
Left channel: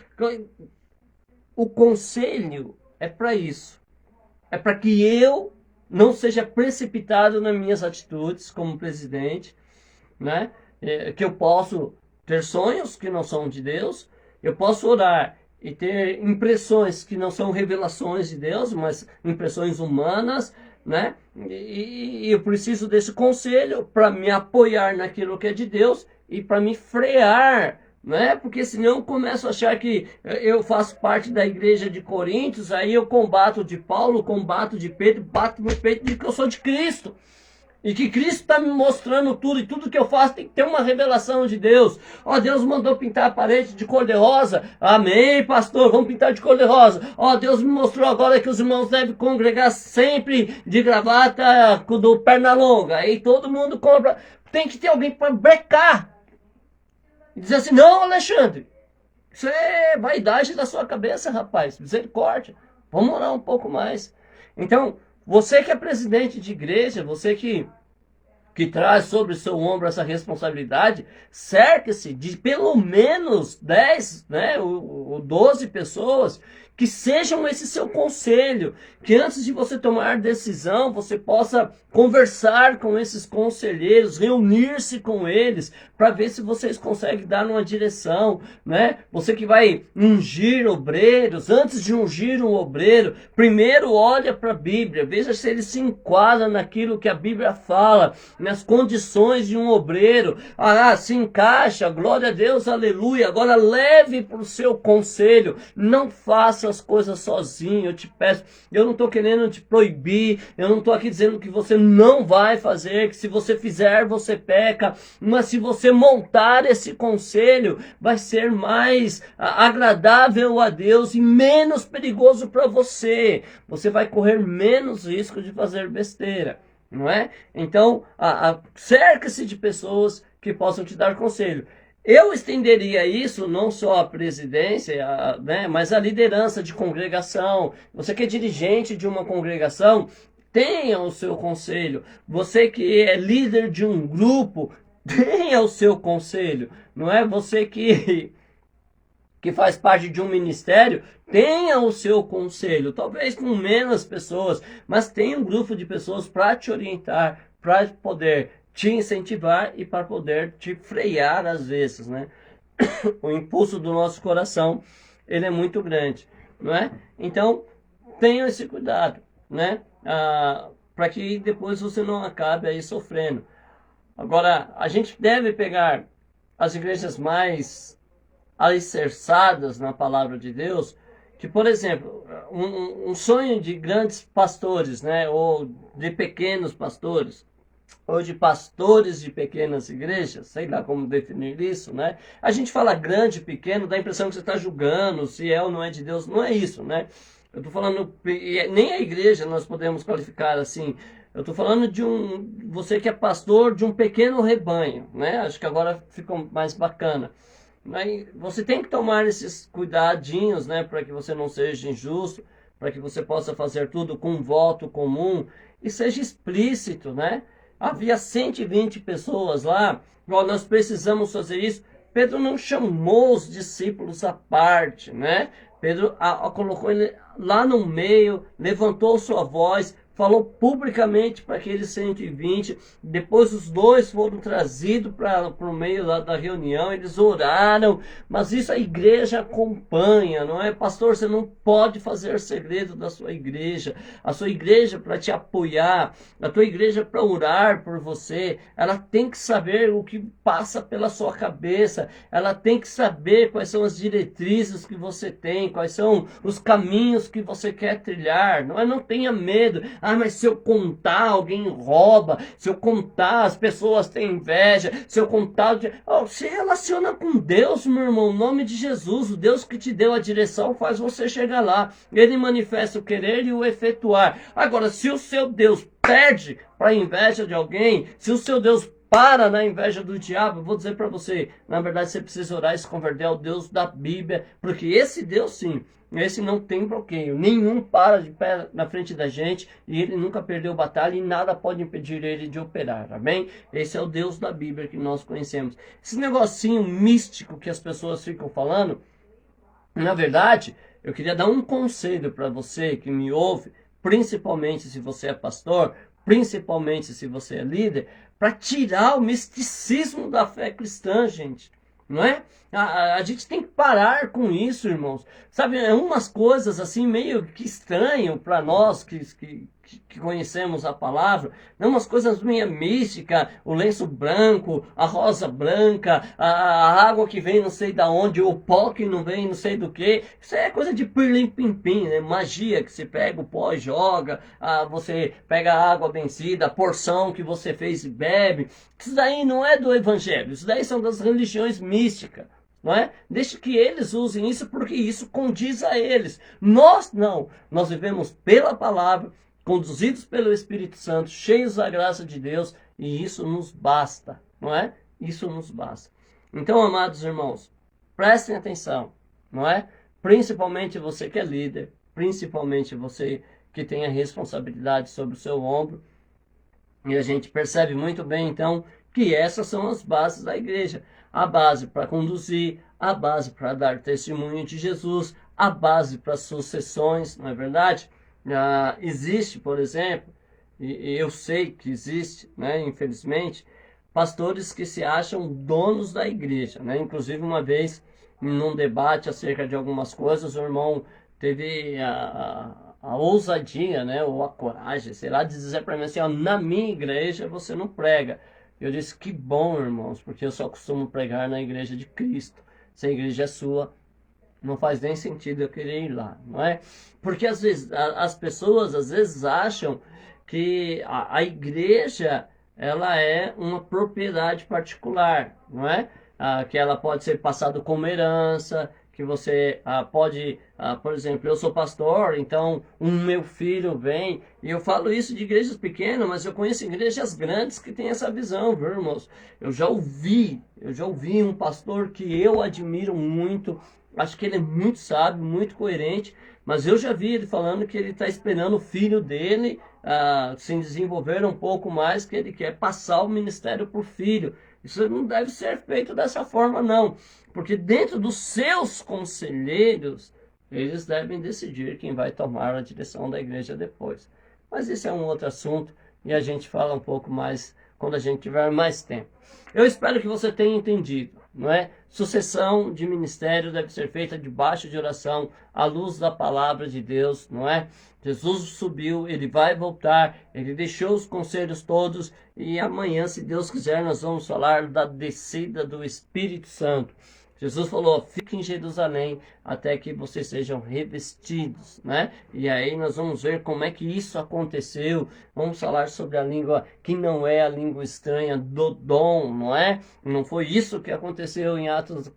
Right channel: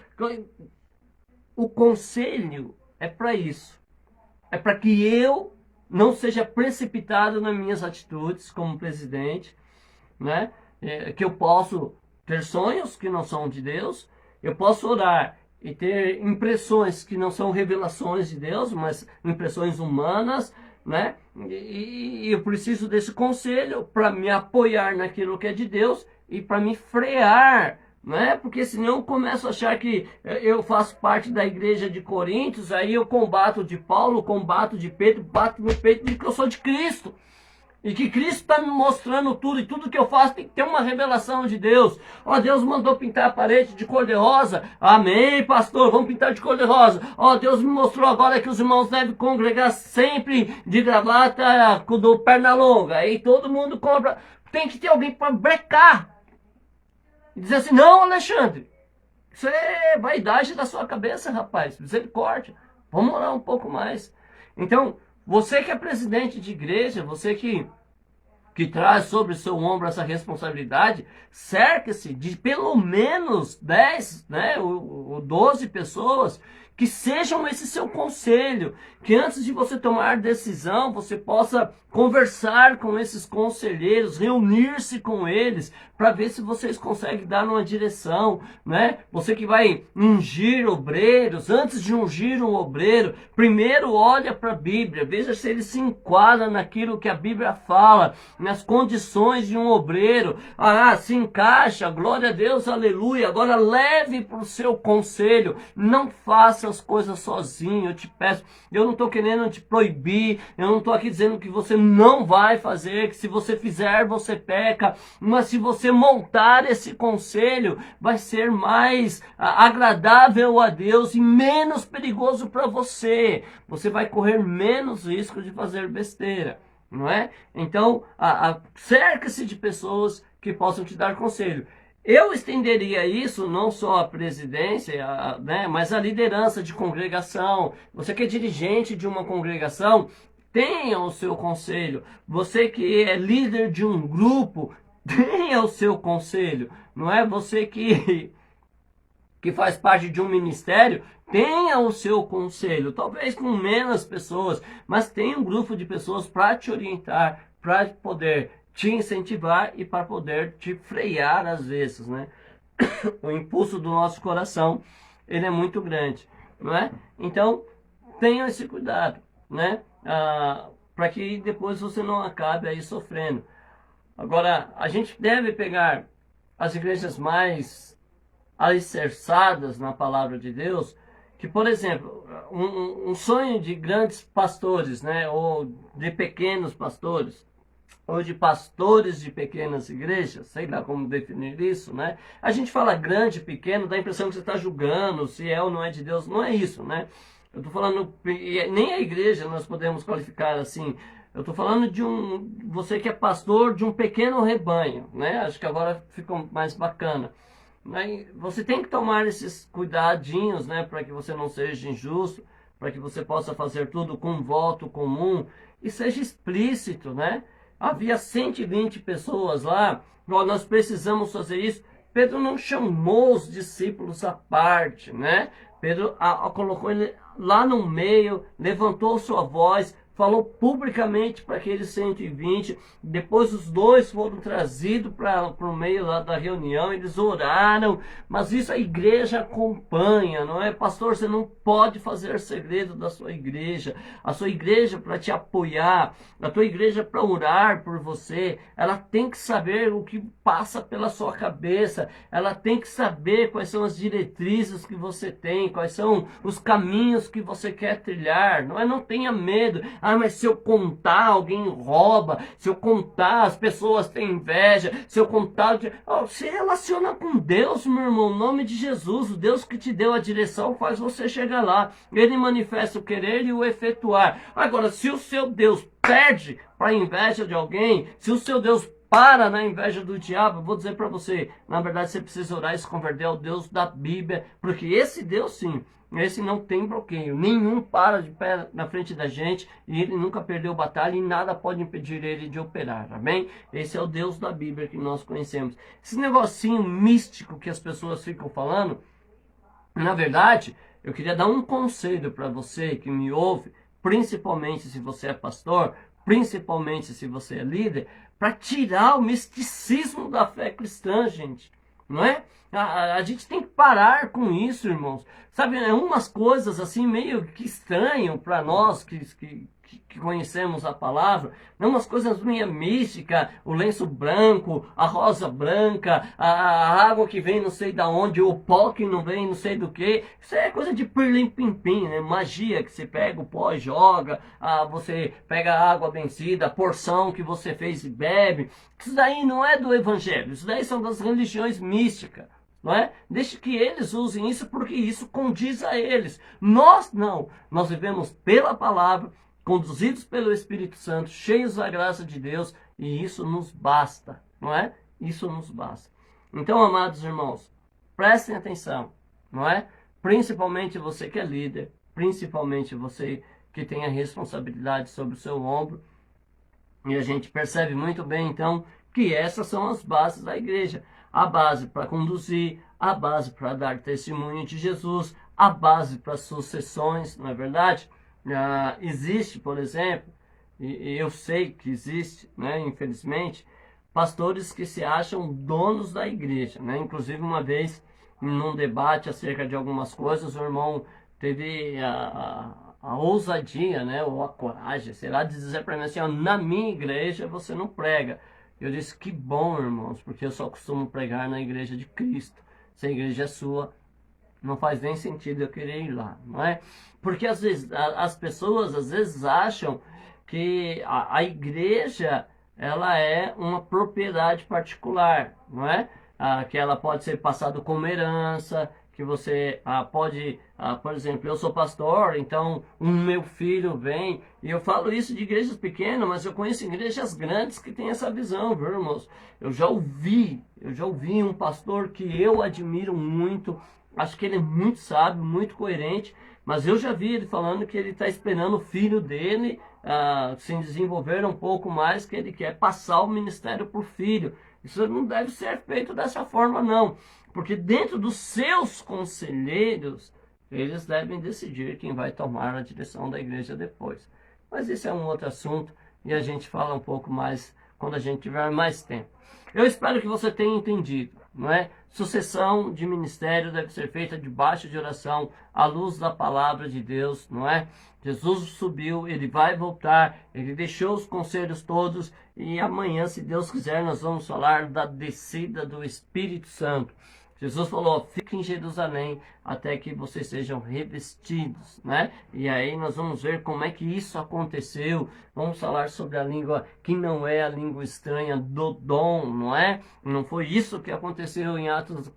O conselho é para isso. É para que eu não seja precipitado nas minhas atitudes como presidente, né? Que eu posso ter sonhos que não são de Deus, eu posso orar e ter impressões que não são revelações de Deus, mas impressões humanas, né? E eu preciso desse conselho para me apoiar naquilo que é de Deus e para me frear, né? Porque senão eu começo a achar que eu faço parte da igreja de Coríntios, aí eu combato de Paulo, combato de Pedro, bato no peito de que eu sou de Cristo. E que Cristo está me mostrando tudo, e tudo que eu faço tem que ter uma revelação de Deus. Ó, Deus mandou pintar a parede de cor de rosa. Amém, pastor, vamos pintar de cor de rosa. Ó, Deus me mostrou agora que os irmãos devem congregar sempre de gravata do perna longa. Aí todo mundo compra. Tem que ter alguém para brecar. E dizer assim, não, Alexandre, isso é vaidade da sua cabeça, rapaz. Misericórdia. Vamos orar um pouco mais. Então, você que é presidente de igreja, você que traz sobre o seu ombro essa responsabilidade, cerque-se de pelo menos 10, né, ou 12 pessoas que sejam esse seu conselho, que antes de você tomar decisão, você possa conversar com esses conselheiros, reunir-se com eles, para ver se vocês conseguem dar uma direção, né? Você que vai ungir obreiros, antes de ungir um obreiro, primeiro olha para a Bíblia, veja se ele se enquadra naquilo que a Bíblia fala, nas condições de um obreiro. Ah, se encaixa, glória a Deus, aleluia. Agora leve para o seu conselho, não faça essas coisas sozinho, eu te peço. Eu não estou querendo te proibir, eu não estou aqui dizendo que você não vai fazer, que se você fizer, você peca. Mas se você montar esse conselho, vai ser mais agradável a Deus e menos perigoso para você. Você vai correr menos risco de fazer besteira, não é? Então, cerque-se de pessoas que possam te dar conselho. Eu estenderia isso não só à presidência, né, mas à liderança de congregação. Você que é dirigente de uma congregação, tenha o seu conselho. Você que é líder de um grupo, tenha o seu conselho. Não é você que faz parte de um ministério, tenha o seu conselho. Talvez com menos pessoas, mas tenha um grupo de pessoas para te orientar, para poder te incentivar e para poder te frear às vezes, né? O impulso do nosso coração, ele é muito grande, não é? Então, tenha esse cuidado, né? Para que depois você não acabe aí sofrendo. Agora, a gente deve pegar as igrejas mais alicerçadas na palavra de Deus, que, por exemplo, um sonho de grandes pastores, né? Ou de pequenos pastores, ou de pastores de pequenas igrejas, sei lá como definir isso, né? A gente fala grande, pequeno, dá a impressão que você está julgando se é ou não é de Deus. Não é isso, né? Eu estou falando, nem a igreja nós podemos qualificar assim. Eu estou falando de você que é pastor de um pequeno rebanho, né? Acho que agora fica mais bacana. Você tem que tomar esses cuidadinhos, né? Para que você não seja injusto, para que você possa fazer tudo com um voto comum e seja explícito, né? Havia 120 pessoas lá, nós precisamos fazer isso. Pedro não chamou os discípulos à parte, né? Pedro colocou ele lá no meio, levantou sua voz, falou publicamente para aqueles 120. Depois os dois foram trazidos para o meio lá da reunião, eles oraram, mas isso a igreja acompanha, não é? Pastor, você não pode fazer segredo da sua igreja. A sua igreja para te apoiar, a tua igreja para orar por você, ela tem que saber o que passa pela sua cabeça, ela tem que saber quais são as diretrizes que você tem, quais são os caminhos que você quer trilhar, não é? Não tenha medo. Mas se eu contar, alguém rouba. Se eu contar, as pessoas têm inveja. Se eu contar... se relaciona com Deus, meu irmão. Em nome de Jesus, o Deus que te deu a direção faz você chegar lá. Ele manifesta o querer e o efetuar. Agora, se o seu Deus perde para a inveja de alguém, se o seu Deus para na inveja do diabo, eu vou dizer para você, na verdade você precisa orar e se converter ao Deus da Bíblia, porque esse Deus sim, esse não tem bloqueio, nenhum para de pé na frente da gente e ele nunca perdeu batalha e nada pode impedir ele de operar, tá bem? Esse é o Deus da Bíblia que nós conhecemos. Esse negocinho místico que as pessoas ficam falando, na verdade, eu queria dar um conselho para você que me ouve, principalmente se você é pastor, principalmente se você é líder, para tirar o misticismo da fé cristã, gente, não é? A gente tem que parar com isso, irmãos. Sabe, é umas coisas assim meio que estranham para nós que conhecemos a palavra, não umas coisas meio místicas, o lenço branco, a rosa branca, a água que vem não sei da onde, o pó que não vem não sei do que. Isso é coisa de pirlim-pim-pim, né? Magia que você pega o pó e joga, você pega a água vencida, a porção que você fez e bebe. Isso daí não é do evangelho, isso daí são das religiões místicas. Não é? Deixe que eles usem isso porque isso condiz a eles. Nós não. Nós vivemos pela palavra, conduzidos pelo Espírito Santo, cheios da graça de Deus, e isso nos basta, não é? Isso nos basta. Então, amados irmãos, prestem atenção, não é? Principalmente você que é líder, principalmente você que tem a responsabilidade sobre o seu ombro, e a gente percebe muito bem, então, que essas são as bases da igreja. A base para conduzir, a base para dar testemunho de Jesus, a base para sucessões, não é verdade? Existe, por exemplo, e eu sei que existe, né, infelizmente, pastores que se acham donos da igreja, né? Inclusive uma vez, num debate acerca de algumas coisas, o irmão teve a ousadia, né, ou a coragem, sei lá, de dizer para mim assim, ó, na minha igreja você não prega. Eu disse, que bom, irmãos, porque eu só costumo pregar na igreja de Cristo. Se a igreja é sua, não faz nem sentido eu querer ir lá, não é? Porque às vezes as pessoas às vezes acham que a igreja ela é uma propriedade particular, não é? Que ela pode ser passada como herança, que você pode, por exemplo, eu sou pastor, então o meu filho vem, e eu falo isso de igrejas pequenas, mas eu conheço igrejas grandes que têm essa visão, viu, irmãos? Eu já ouvi um pastor que eu admiro muito, acho que ele é muito sábio, muito coerente, mas eu já vi ele falando que ele está esperando o filho dele se desenvolver um pouco mais, que ele quer passar o ministério por filho. Isso não deve ser feito dessa forma, não. Porque dentro dos seus conselheiros, eles devem decidir quem vai tomar a direção da igreja depois. Mas isso é um outro assunto e a gente fala um pouco mais quando a gente tiver mais tempo. Eu espero que você tenha entendido, não é? Sucessão de ministério deve ser feita debaixo de oração, à luz da palavra de Deus, não é? Jesus subiu, ele vai voltar, ele deixou os conselhos todos e amanhã, se Deus quiser, nós vamos falar da descida do Espírito Santo. Jesus falou, fique em Jerusalém até que vocês sejam revestidos, né? E aí nós vamos ver como é que isso aconteceu. Vamos falar sobre a língua que não é a língua estranha do dom, não é? Não foi isso que aconteceu em Atos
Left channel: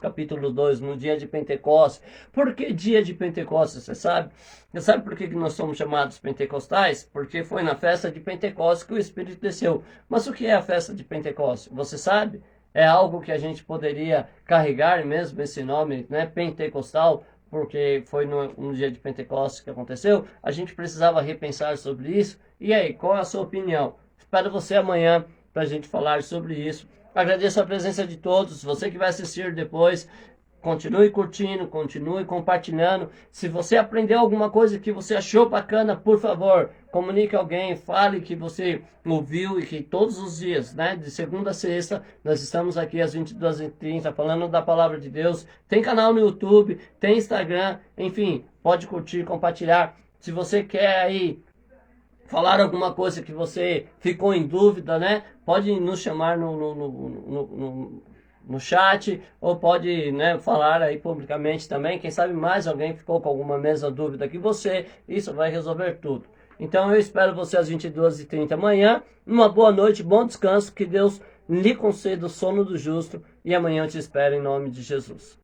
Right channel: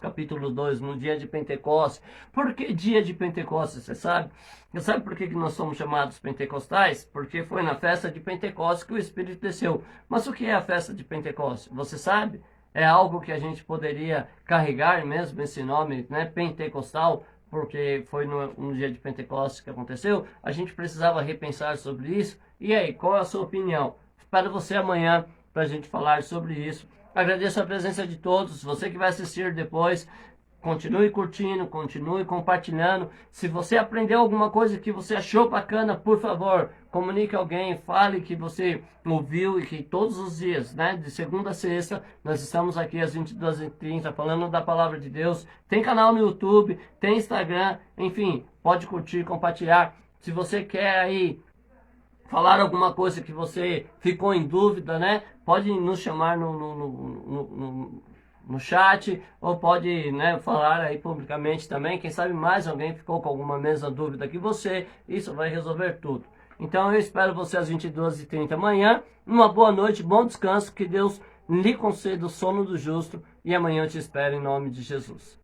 capítulo 2, no dia de Pentecostes. Por que dia de Pentecostes, você sabe? Você sabe por que nós somos chamados pentecostais? Porque foi na festa de Pentecostes que o Espírito desceu. Mas o que é a festa de Pentecostes? Você sabe? É algo que a gente poderia carregar mesmo esse nome, né, pentecostal, porque foi no dia de Pentecostes que aconteceu. A gente precisava repensar sobre isso. E aí, qual é a sua opinião? Espero você amanhã para a gente falar sobre isso. Agradeço a presença de todos. Você que vai assistir depois, continue curtindo, continue compartilhando. Se você aprendeu alguma coisa que você achou bacana, por favor, comunique a alguém, fale que você ouviu e que todos os dias, né, de segunda a sexta, nós estamos aqui às 22h30 falando da palavra de Deus. Tem canal no YouTube, tem Instagram, enfim, pode curtir, compartilhar. Se você quer aí falar alguma coisa que você ficou em dúvida, né, pode nos chamar no chat, ou pode, né, falar aí publicamente também. Quem sabe mais alguém ficou com alguma mesma dúvida que você, isso vai resolver tudo. Então eu espero você às 22h30 amanhã. Uma boa noite, bom descanso, que Deus lhe conceda o sono do justo, e amanhã eu te espero em nome de Jesus.